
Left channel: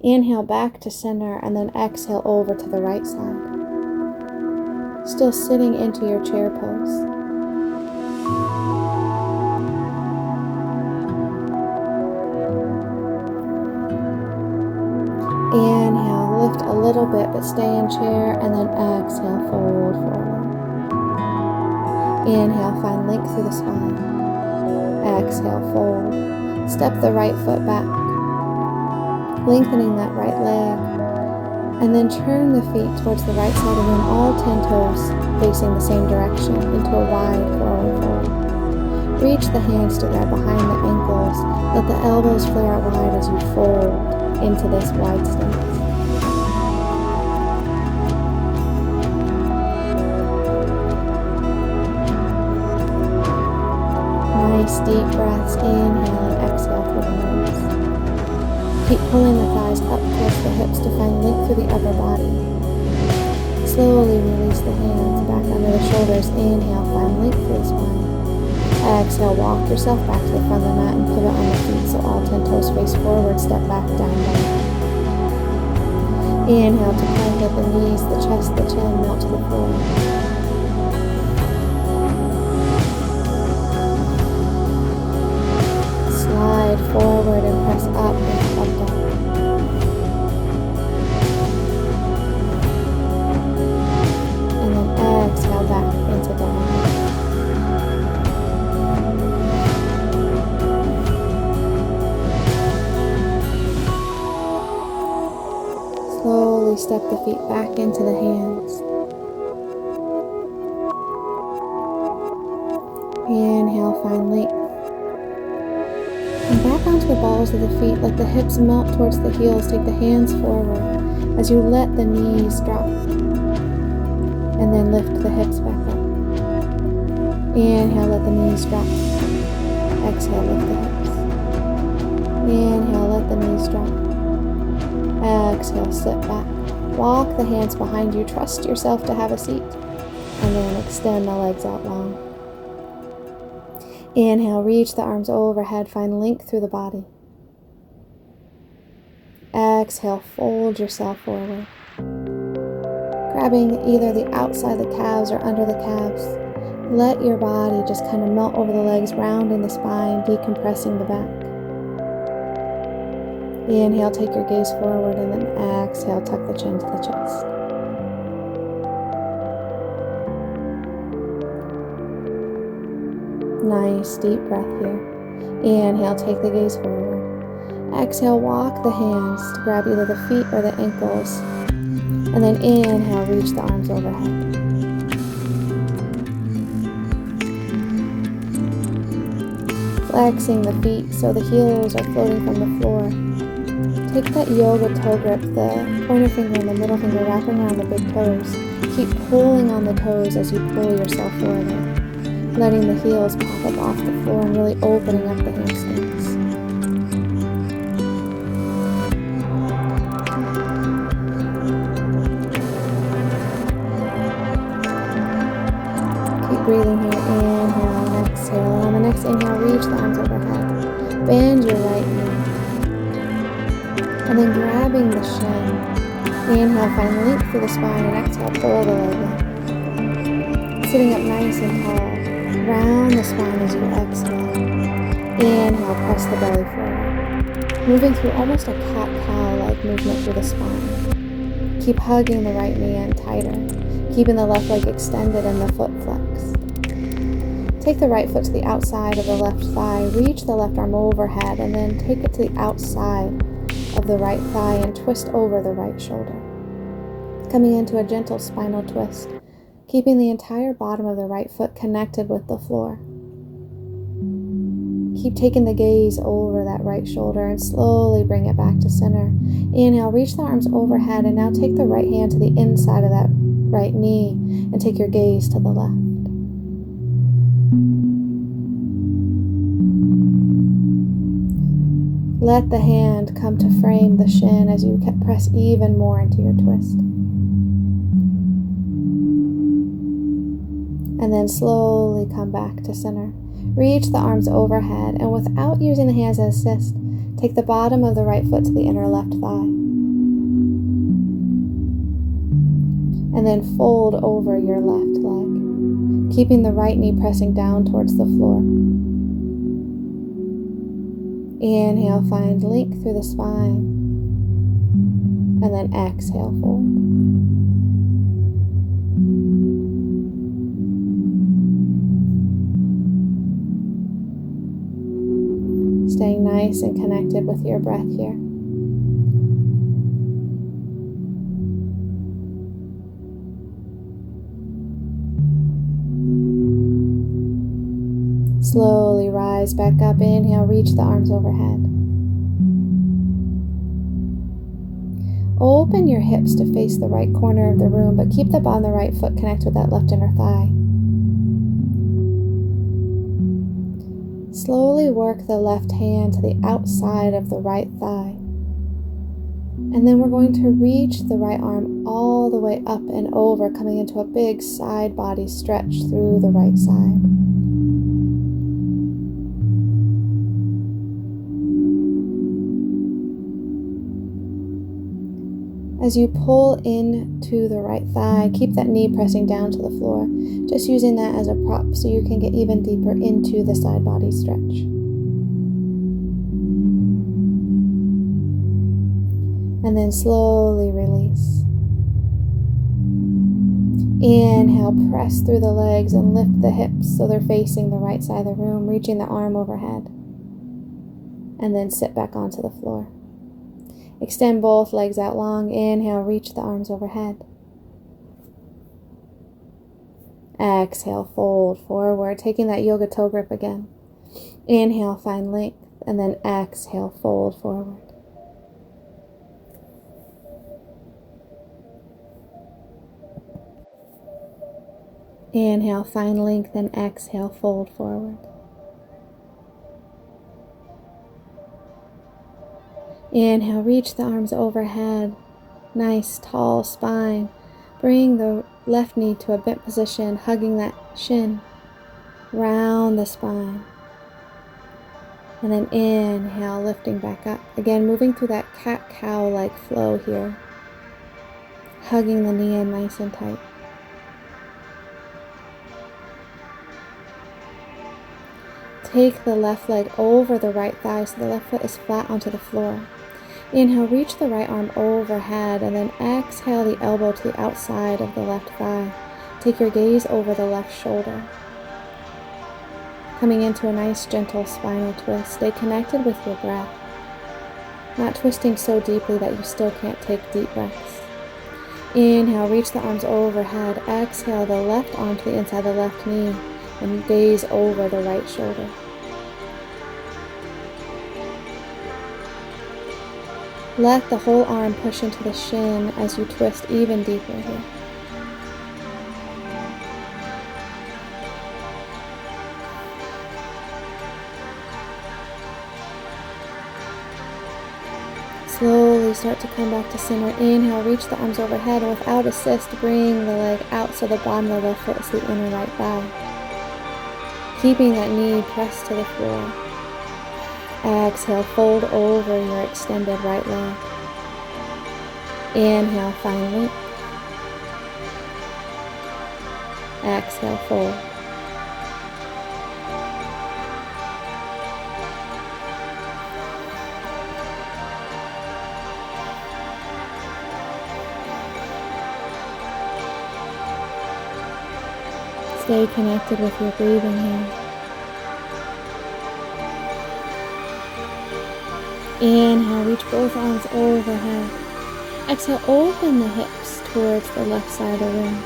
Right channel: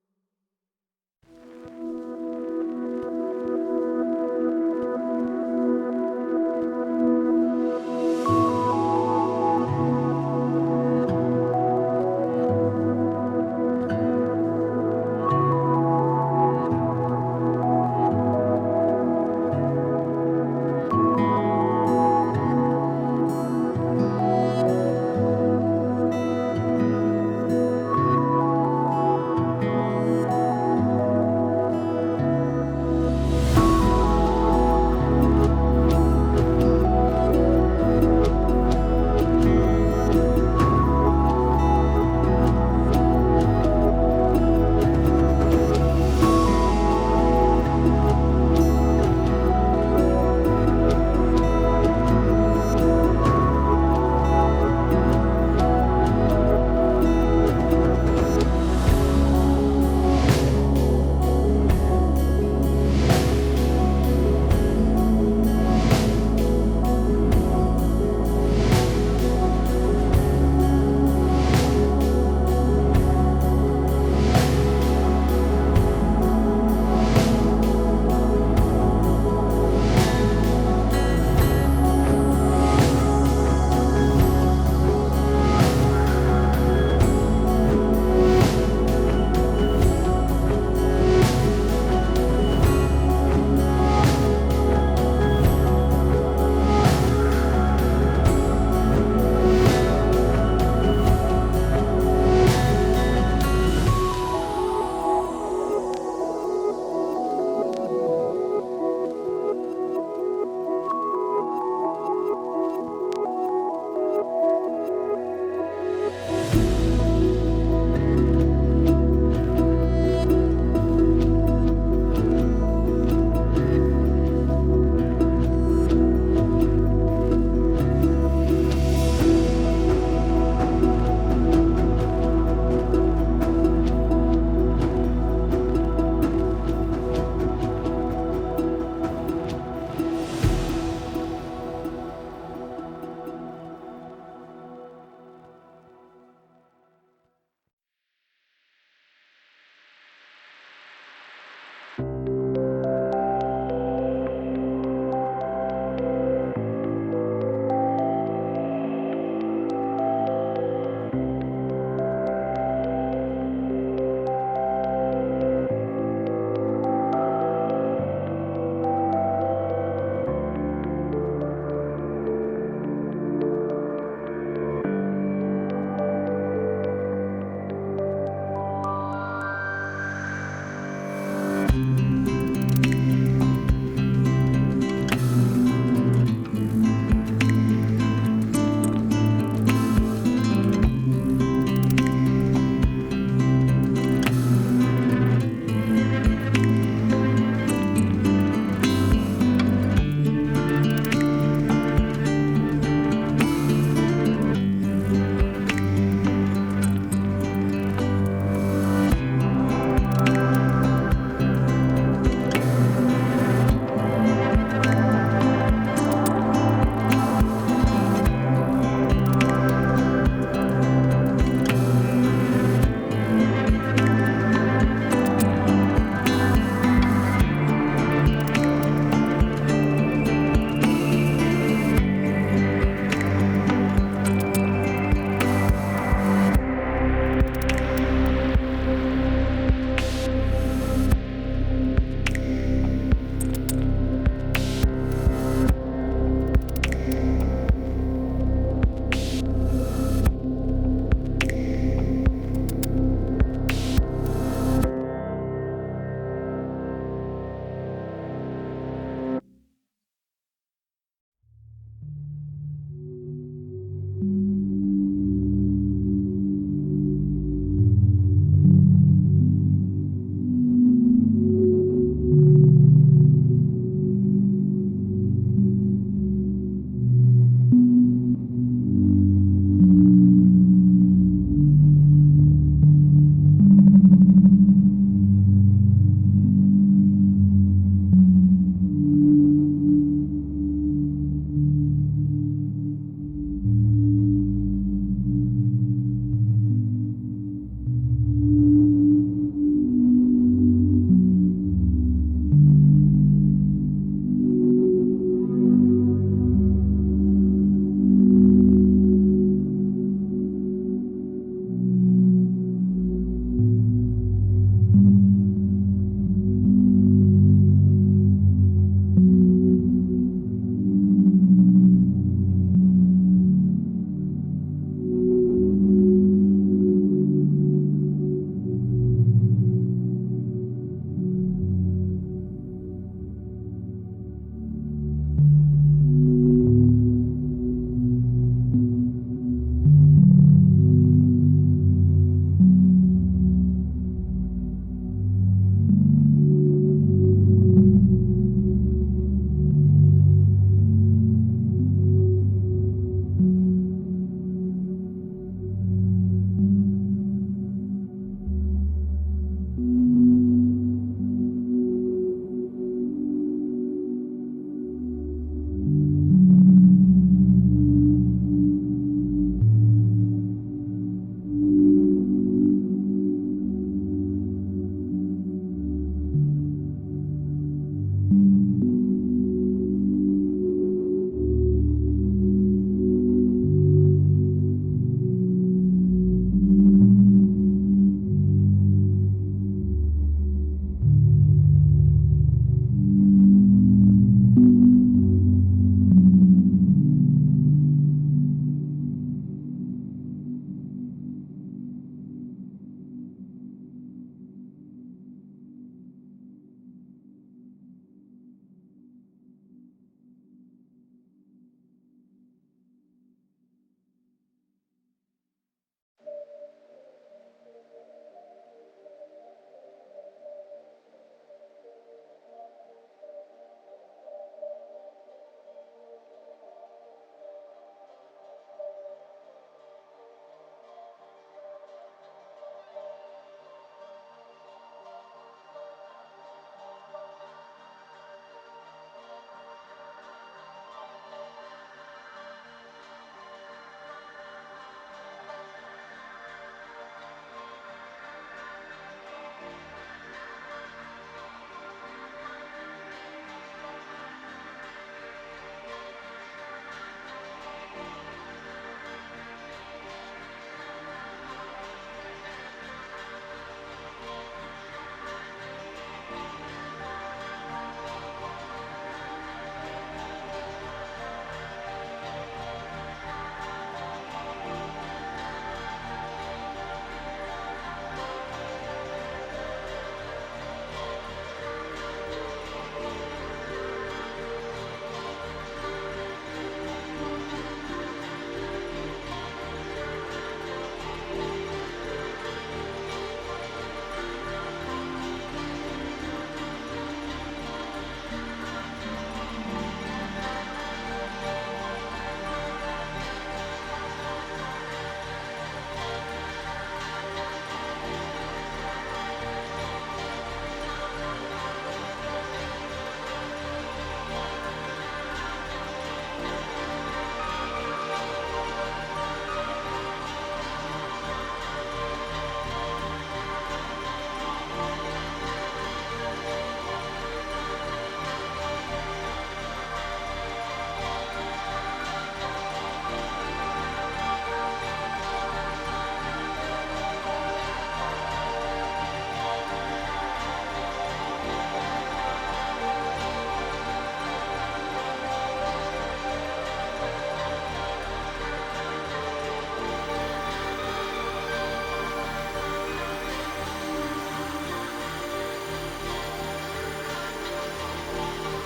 Inhale back to center and then exhale over to the right side. Still sitting into your chair pose. Inhale, lift a little bit, but stay in chair, and then exhale, fold forward. Inhale, find length through the spine. Exhale, fold. Step the right foot back, lengthening that right leg, and then turn the feet towards the right side again, all 10 toes facing the same direction into a wide forward fold. Reach the hands together behind the ankles. Let the elbows flare out wide as you fold into this wide stance. Nice deep breaths, inhale and exhale through the nose. Keep pulling the thighs up towards the hips to find length through the upper body. Slowly release the hands back under the shoulders. Inhale, find length through the spine. Exhale, walk yourself back to the front of the mat and pivot on the feet so all 10 toes face forward. Step back, downward. Inhale to bend at the knees, the chest, the chin, melt to the floor. Slide forward and press up and up down. And then exhale back into the knee. Slowly step the feet back into the hands. Inhale, find length. And back onto the balls of the feet. Let the hips melt towards the heels. Take the hands forward as you let the knees drop. And then lift the hips back up. Inhale, let the knees drop. Exhale, lift the hips. Inhale, let the knees drop. Exhale, sit back. Walk the hands behind you. Trust yourself to have a seat. And then extend the legs out long. Inhale, reach the arms overhead. Find length through the body. Exhale, fold yourself forward. Grabbing either the outside of the calves or under the calves. Let your body just kind of melt over the legs, rounding the spine, decompressing the back. Inhale, take your gaze forward, and then exhale, tuck the chin to the chest. Nice deep breath here. Inhale, take the gaze forward. Exhale, walk the hands to grab either the feet or the ankles. And then inhale, reach the arms overhead. Flexing the feet so the heels are floating from the floor. Take that yoga toe grip, the pointer finger and the middle finger wrapping around the big toes. Keep pulling on the toes as you pull yourself forward, letting the heels pop up off the floor and really opening up the hamstrings. Keep breathing here. Inhale and exhale. On the next inhale, reach the arms overhead. Bend your right knee. And then grabbing the shin. Inhale, find length through the spine, and exhale, pull the leg in. Sitting up nice and tall. Round the spine as you exhale. Inhale, press the belly forward. Moving through almost a cat-cow-like movement through the spine. Keep hugging the right knee in tighter, keeping the left leg extended and the foot flexed. Take the right foot to the outside of the left thigh. Reach the left arm overhead and then take it to the outside of the right thigh and twist over the right shoulder. Coming into a gentle spinal twist, keeping the entire bottom of the right foot connected with the floor. Keep taking the gaze over that right shoulder and slowly bring it back to center. Inhale, reach the arms overhead, and now take the right hand to the inside of that right knee and take your gaze to the left. Let the hand come to frame the shin as you press even more into your twist. And then slowly come back to center. Reach the arms overhead, and without using the hands as assist, take the bottom of the right foot to the inner left thigh. And then fold over your left leg, keeping the right knee pressing down towards the floor. Inhale, find length through the spine. And then exhale, fold. Staying nice and connected with your breath here. Slowly rise back up. Inhale, reach the arms overhead. Open your hips to face the right corner of the room, but keep the bottom of the right foot connected with that left inner thigh. Slowly work the left hand to the outside of the right thigh. And then we're going to reach the right arm all the way up and over, coming into a big side body stretch through the right side. As you pull into the right thigh, keep that knee pressing down to the floor, just using that as a prop so you can get even deeper into the side body stretch. And then slowly release. Inhale, press through the legs and lift the hips so they're facing the right side of the room, reaching the arm overhead. And then sit back onto the floor. Extend both legs out long. Inhale, reach the arms overhead. Exhale, fold forward, taking that yoga toe grip again. Inhale, find length, and then exhale, fold forward. Inhale, find length, and exhale, fold forward. Inhale, reach the arms overhead. Nice, tall spine. Bring the left knee to a bent position, hugging that shin. Round the spine. And then inhale, lifting back up. Again, moving through that cat-cow-like flow here. Hugging the knee in nice and tight. Take the left leg over the right thigh so the left foot is flat onto the floor. Inhale, reach the right arm overhead, and then exhale the elbow to the outside of the left thigh. Take your gaze over the left shoulder. Coming into a nice gentle spinal twist. Stay connected with your breath. Not twisting so deeply that you still can't take deep breaths. Inhale, reach the arms overhead. Exhale the left arm to the inside of the left knee and gaze over the right shoulder. Let the whole arm push into the shin as you twist even deeper here. Slowly start to come back to center. Inhale, reach the arms overhead, and without assist, bring the leg out so the bottom of the left foot is the inner right thigh. Keeping that knee pressed to the floor. Exhale, fold over your extended right leg. Inhale, find length. Exhale, fold. Stay connected with your breathing here. Inhale, reach both arms overhead. Exhale, open the hips towards the left side of the room.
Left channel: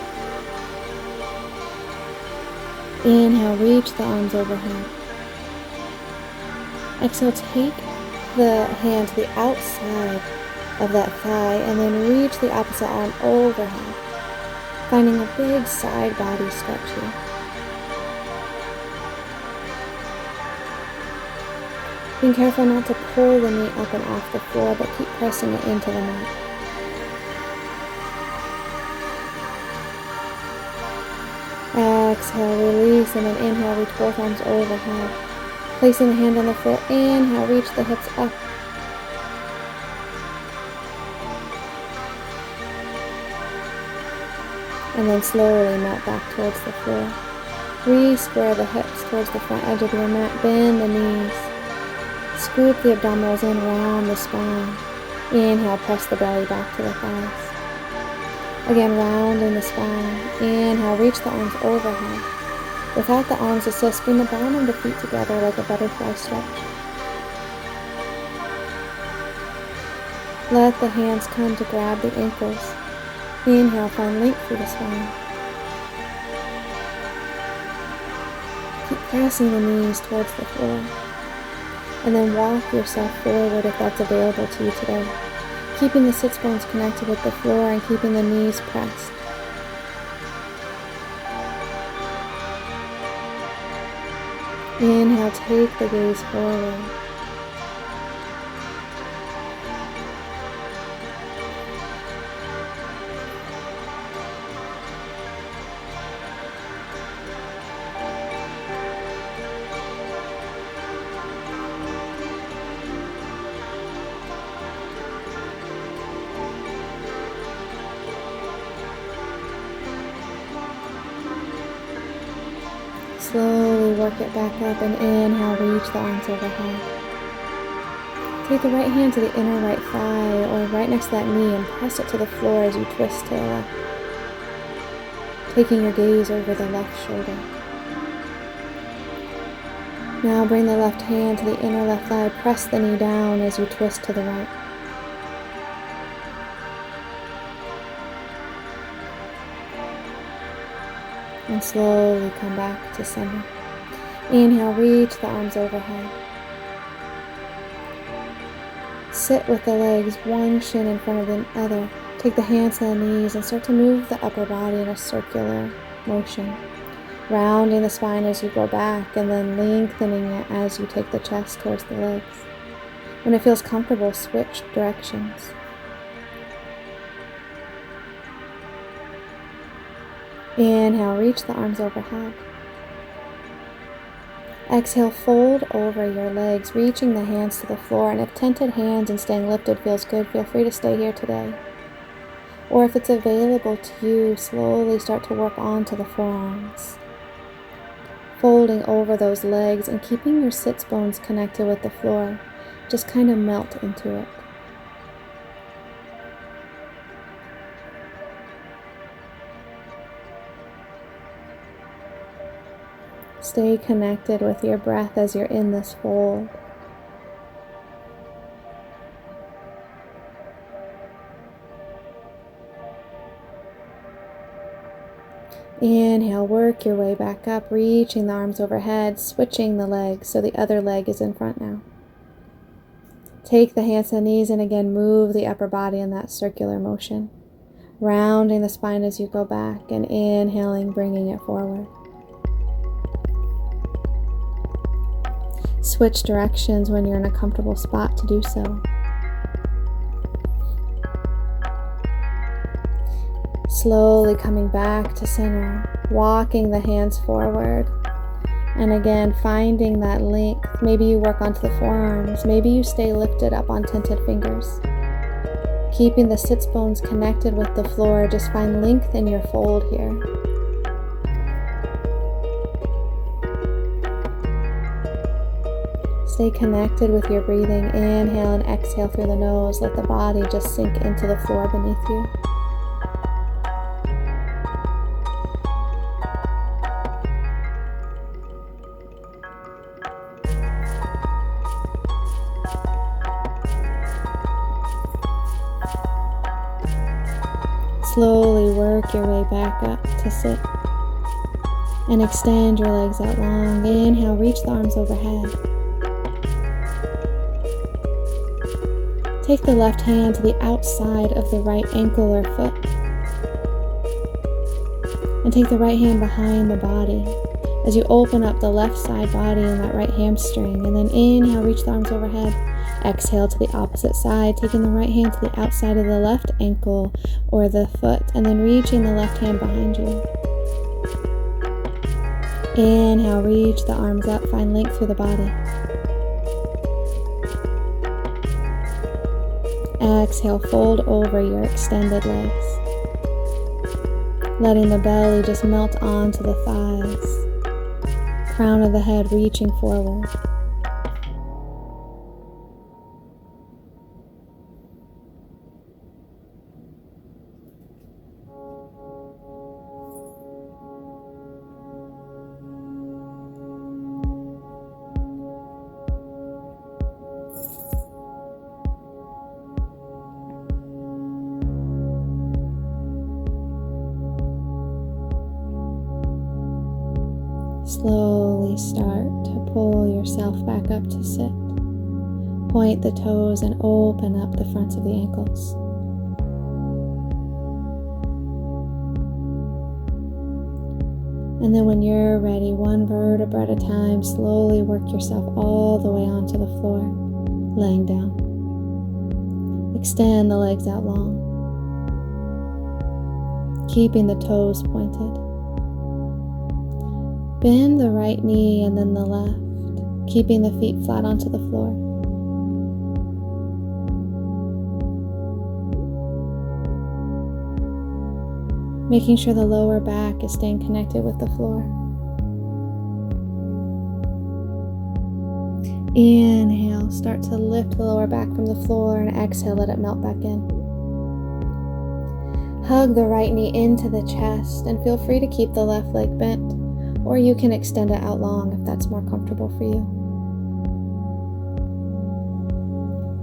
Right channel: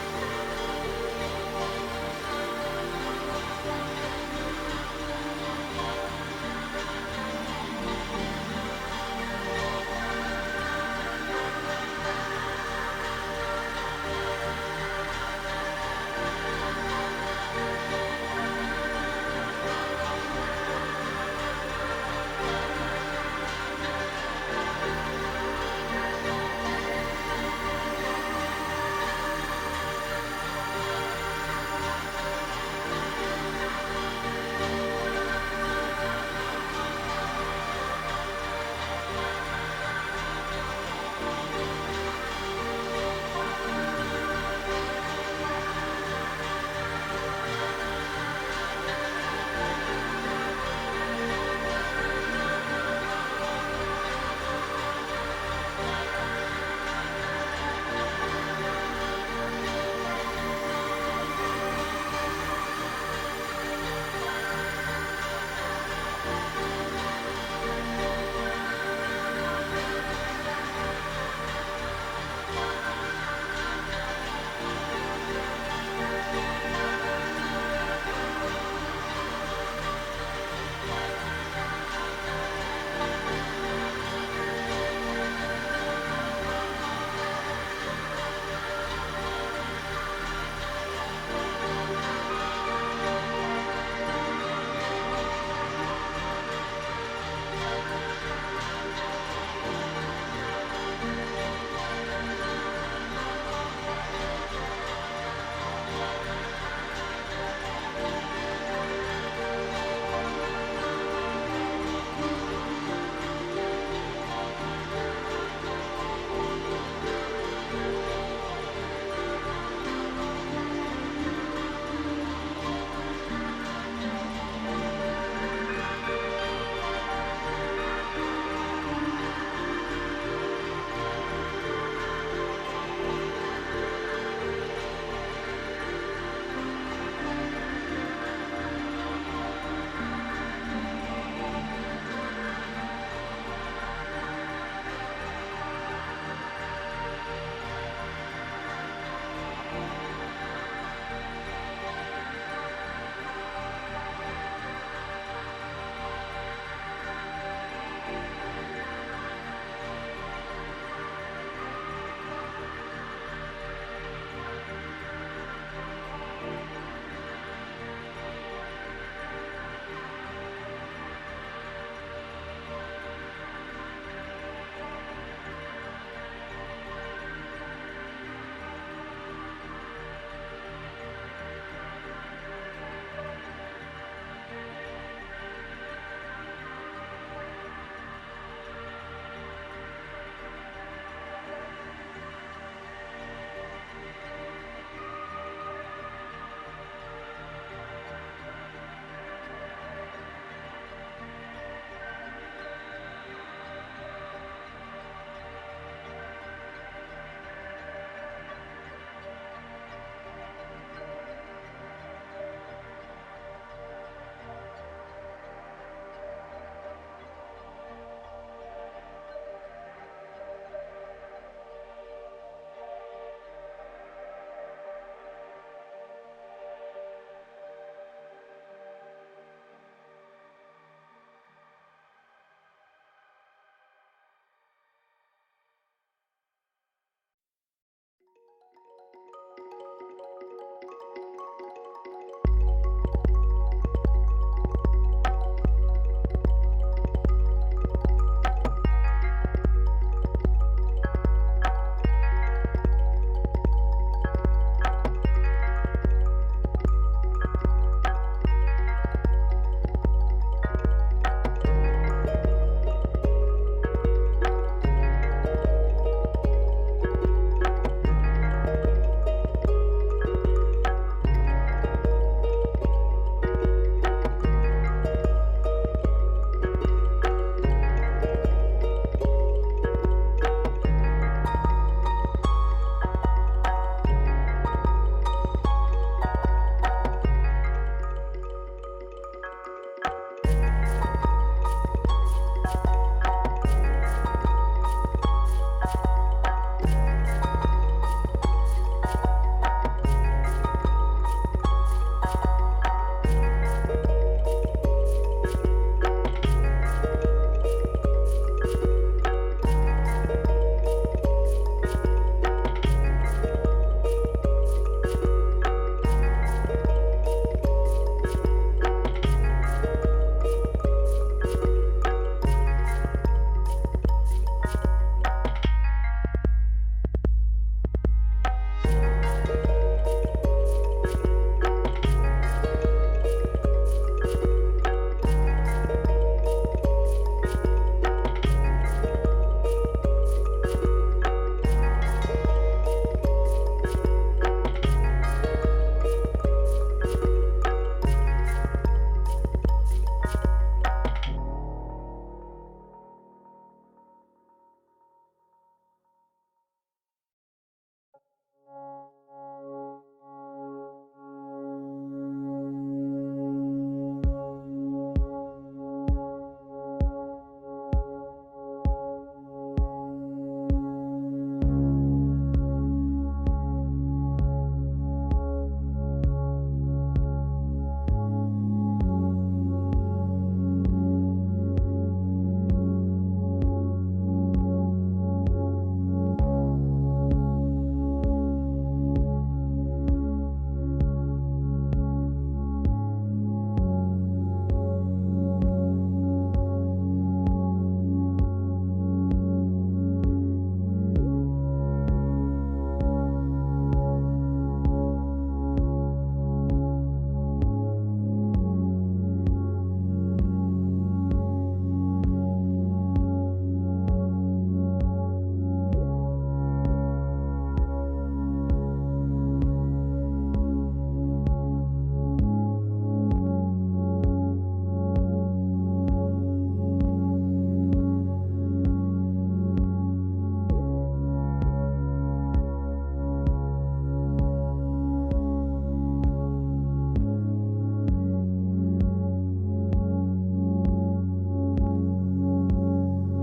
Inhale, reach the arms overhead. Exhale, take the hand to the outside of that thigh and then reach the opposite arm overhead, finding a big side body stretch here. Being careful not to pull the knee up and off the floor, but keep pressing it into the mat. Exhale, release, and then inhale, reach both arms overhead. Placing the hand on the foot, inhale, reach the hips up. And then slowly melt back towards the floor. Re-square the hips towards the front edge of your mat. Bend the knees. Scoop the abdominals in around the spine. Inhale, press the belly back to the thighs. Again, rounding the spine. Inhale, reach the arms overhead. Without the arms assist, bring the bottom of the feet together like a butterfly stretch. Let the hands come to grab the ankles. Inhale, find length through the spine. Keep pressing the knees towards the floor. And then walk yourself forward if that's available to you today. Keeping the sits bones connected with the floor and keeping the knees pressed. Inhale, take the gaze forward. Slowly work it back up and inhale, reach the arms overhead. Take the right hand to the inner right thigh or right next to that knee and press it to the floor as you twist to the left. Taking your gaze over the left shoulder. Now bring the left hand to the inner left thigh, press the knee down as you twist to the right. And slowly come back to center. Inhale, reach the arms overhead. Sit with the legs, one shin in front of the other. Take the hands to the knees and start to move the upper body in a circular motion. Rounding the spine as you go back and then lengthening it as you take the chest towards the legs. When it feels comfortable, switch directions. Inhale, reach the arms overhead. Exhale, fold over your legs, reaching the hands to the floor. And if tented hands and staying lifted feels good, feel free to stay here today. Or if it's available to you, slowly start to work onto the forearms. Folding over those legs and keeping your sits bones connected with the floor. Just kind of melt into it. Stay connected with your breath as you're in this fold. Inhale, work your way back up, reaching the arms overhead, switching the legs so the other leg is in front now. Take the hands to the knees and again move the upper body in that circular motion. Rounding the spine as you go back and inhaling, bringing it forward. Switch directions when you're in a comfortable spot to do so. Slowly coming back to center, walking the hands forward. And again, finding that length. Maybe you work onto the forearms. Maybe you stay lifted up on tented fingers. Keeping the sits bones connected with the floor, just find length in your fold here. Stay connected with your breathing. Inhale and exhale through the nose. Let the body just sink into the floor beneath you. Slowly work your way back up to sit. And extend your legs out long. Inhale, reach the arms overhead. Take the left hand to the outside of the right ankle or foot. And take the right hand behind the body as you open up the left side body and that right hamstring. And then inhale, reach the arms overhead. Exhale to the opposite side, taking the right hand to the outside of the left ankle or the foot. And then reaching the left hand behind you. Inhale, reach the arms up, find length through the body. Exhale, fold over your extended legs, letting the belly just melt onto the thighs, crown of the head reaching forward. Slowly start to pull yourself back up to sit. Point the toes and open up the fronts of the ankles. And then when you're ready, one vertebra at a time, slowly work yourself all the way onto the floor, laying down. Extend the legs out long, keeping the toes pointed. Bend the right knee and then the left, keeping the feet flat onto the floor. Making sure the lower back is staying connected with the floor. Inhale, start to lift the lower back from the floor, and exhale, let it melt back in. Hug the right knee into the chest and feel free to keep the left leg bent, or you can extend it out long if that's more comfortable for you.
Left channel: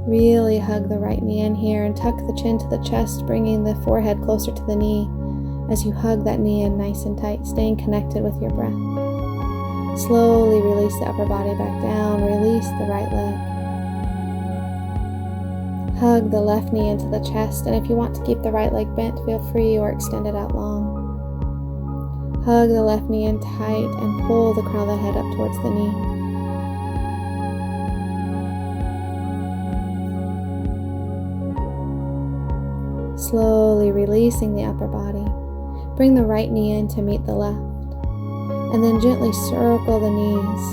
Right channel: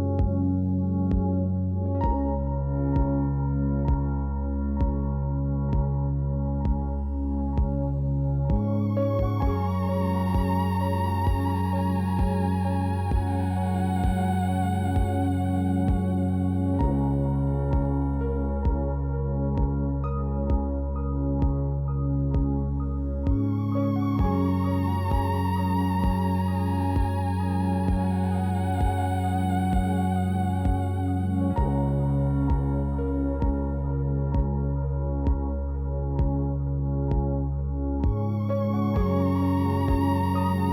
Really hug the right knee in here and tuck the chin to the chest, bringing the forehead closer to the knee as you hug that knee in nice and tight, staying connected with your breath. Slowly release the upper body back down, release the right leg. Hug the left knee into the chest, and if you want to keep the right leg bent, feel free, or extend it out long. Hug the left knee in tight and pull the crown of the head up towards the knee. Slowly releasing the upper body. Bring the right knee in to meet the left. And then gently circle the knees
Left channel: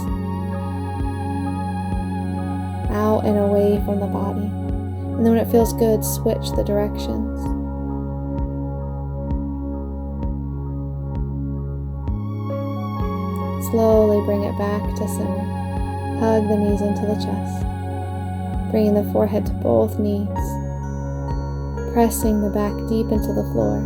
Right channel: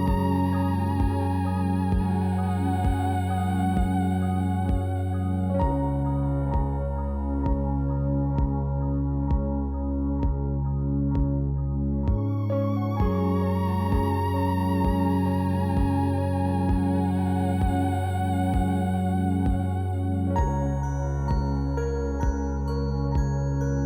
out and away from the body. And then when it feels good, switch the directions. Slowly bring it back to center. Hug the knees into the chest. Bringing the forehead to both knees. Pressing the back deep into the floor.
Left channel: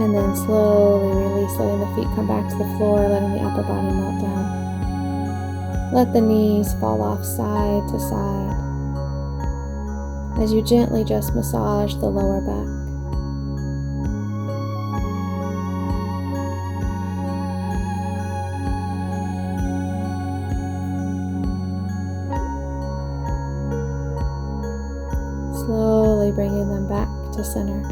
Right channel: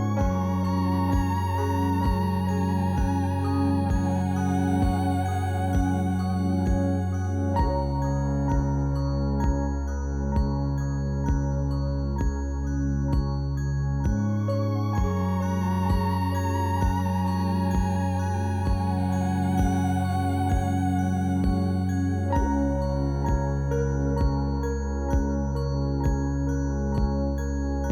And then slowly release, letting the feet come back to the floor, letting the upper body melt down. Let the knees fall off side to side as you gently just massage the lower back. Bringing them back to center.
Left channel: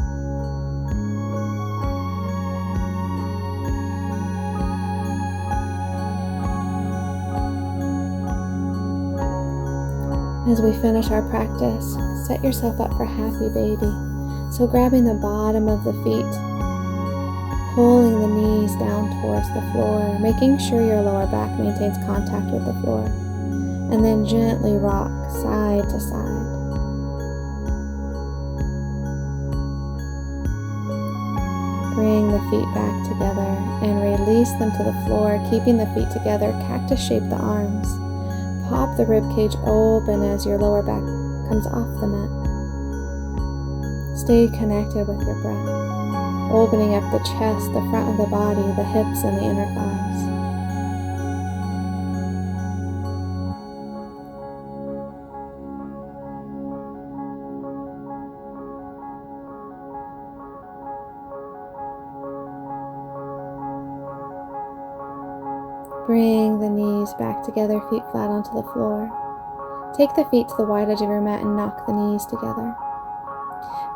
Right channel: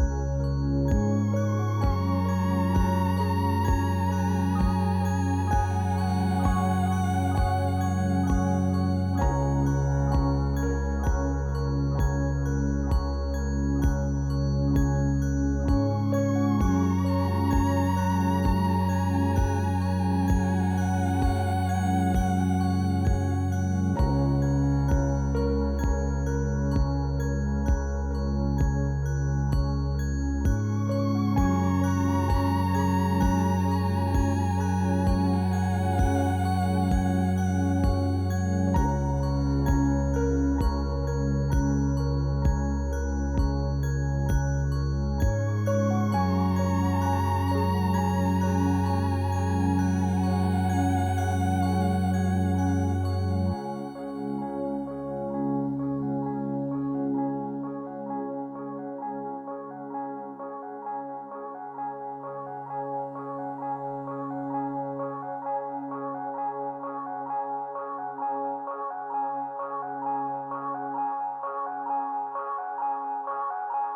As we finish our practice, set yourself up for happy baby. So grabbing the bottom of the feet, pulling the knees down towards the floor, making sure your lower back maintains contact with the floor, and then gently rock side to side. Bring the feet back together and release them to the floor, keeping the feet together. Cactus shape the arms. Pop the rib cage open as your lower back comes off the mat. Stay connected with your breath, opening up the chest, the front of the body, the hips, and the inner thighs. Bring the knees back together, feet flat onto the floor. Take the feet to the wide edge of your mat and knock the knees together.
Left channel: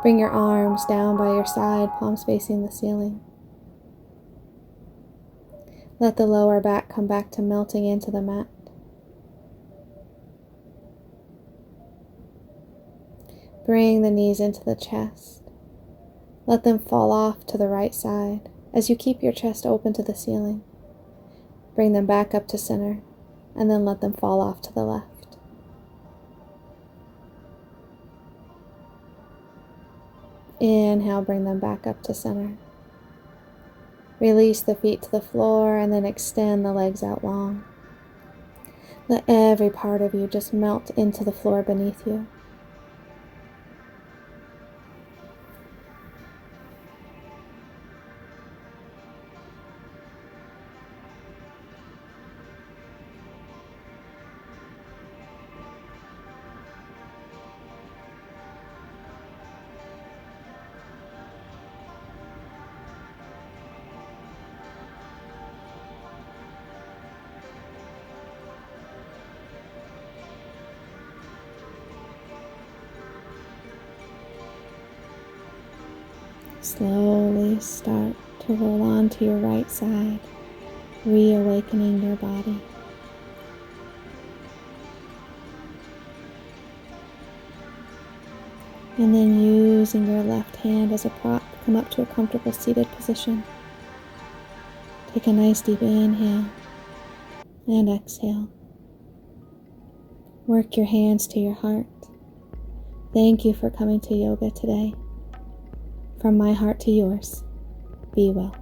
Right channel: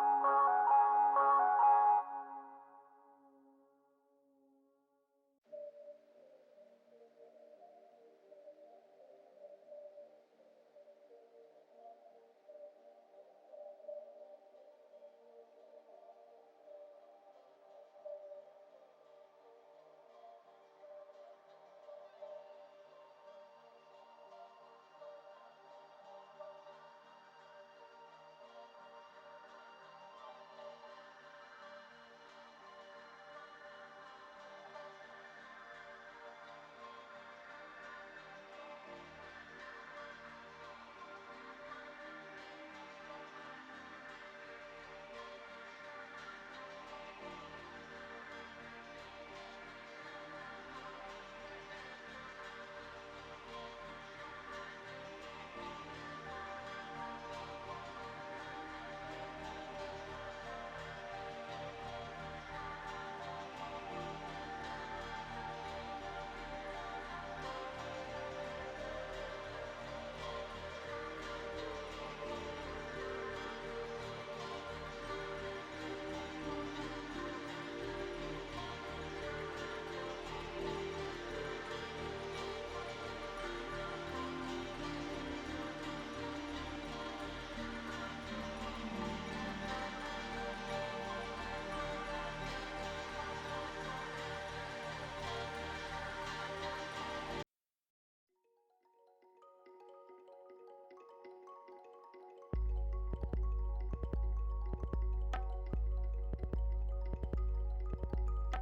Bring your arms down by your side, palms facing the ceiling. Let the lower back come back to melting into the mat. Bring the knees into the chest. Let them fall off to the right side. As you keep your chest open to the ceiling, bring them back up to center, and then let them fall off to the left. Inhale, bring them back up to center. Release the feet to the floor and then extend the legs out long. Let every part of you just melt into the floor beneath you. Slowly start to roll onto your right side, reawakening your body. And then using your left hand as a prop, come up to a comfortable seated position. Take a nice deep inhale and exhale. Work your hands to your heart. Thank you for coming to yoga today. From my heart to yours, be well.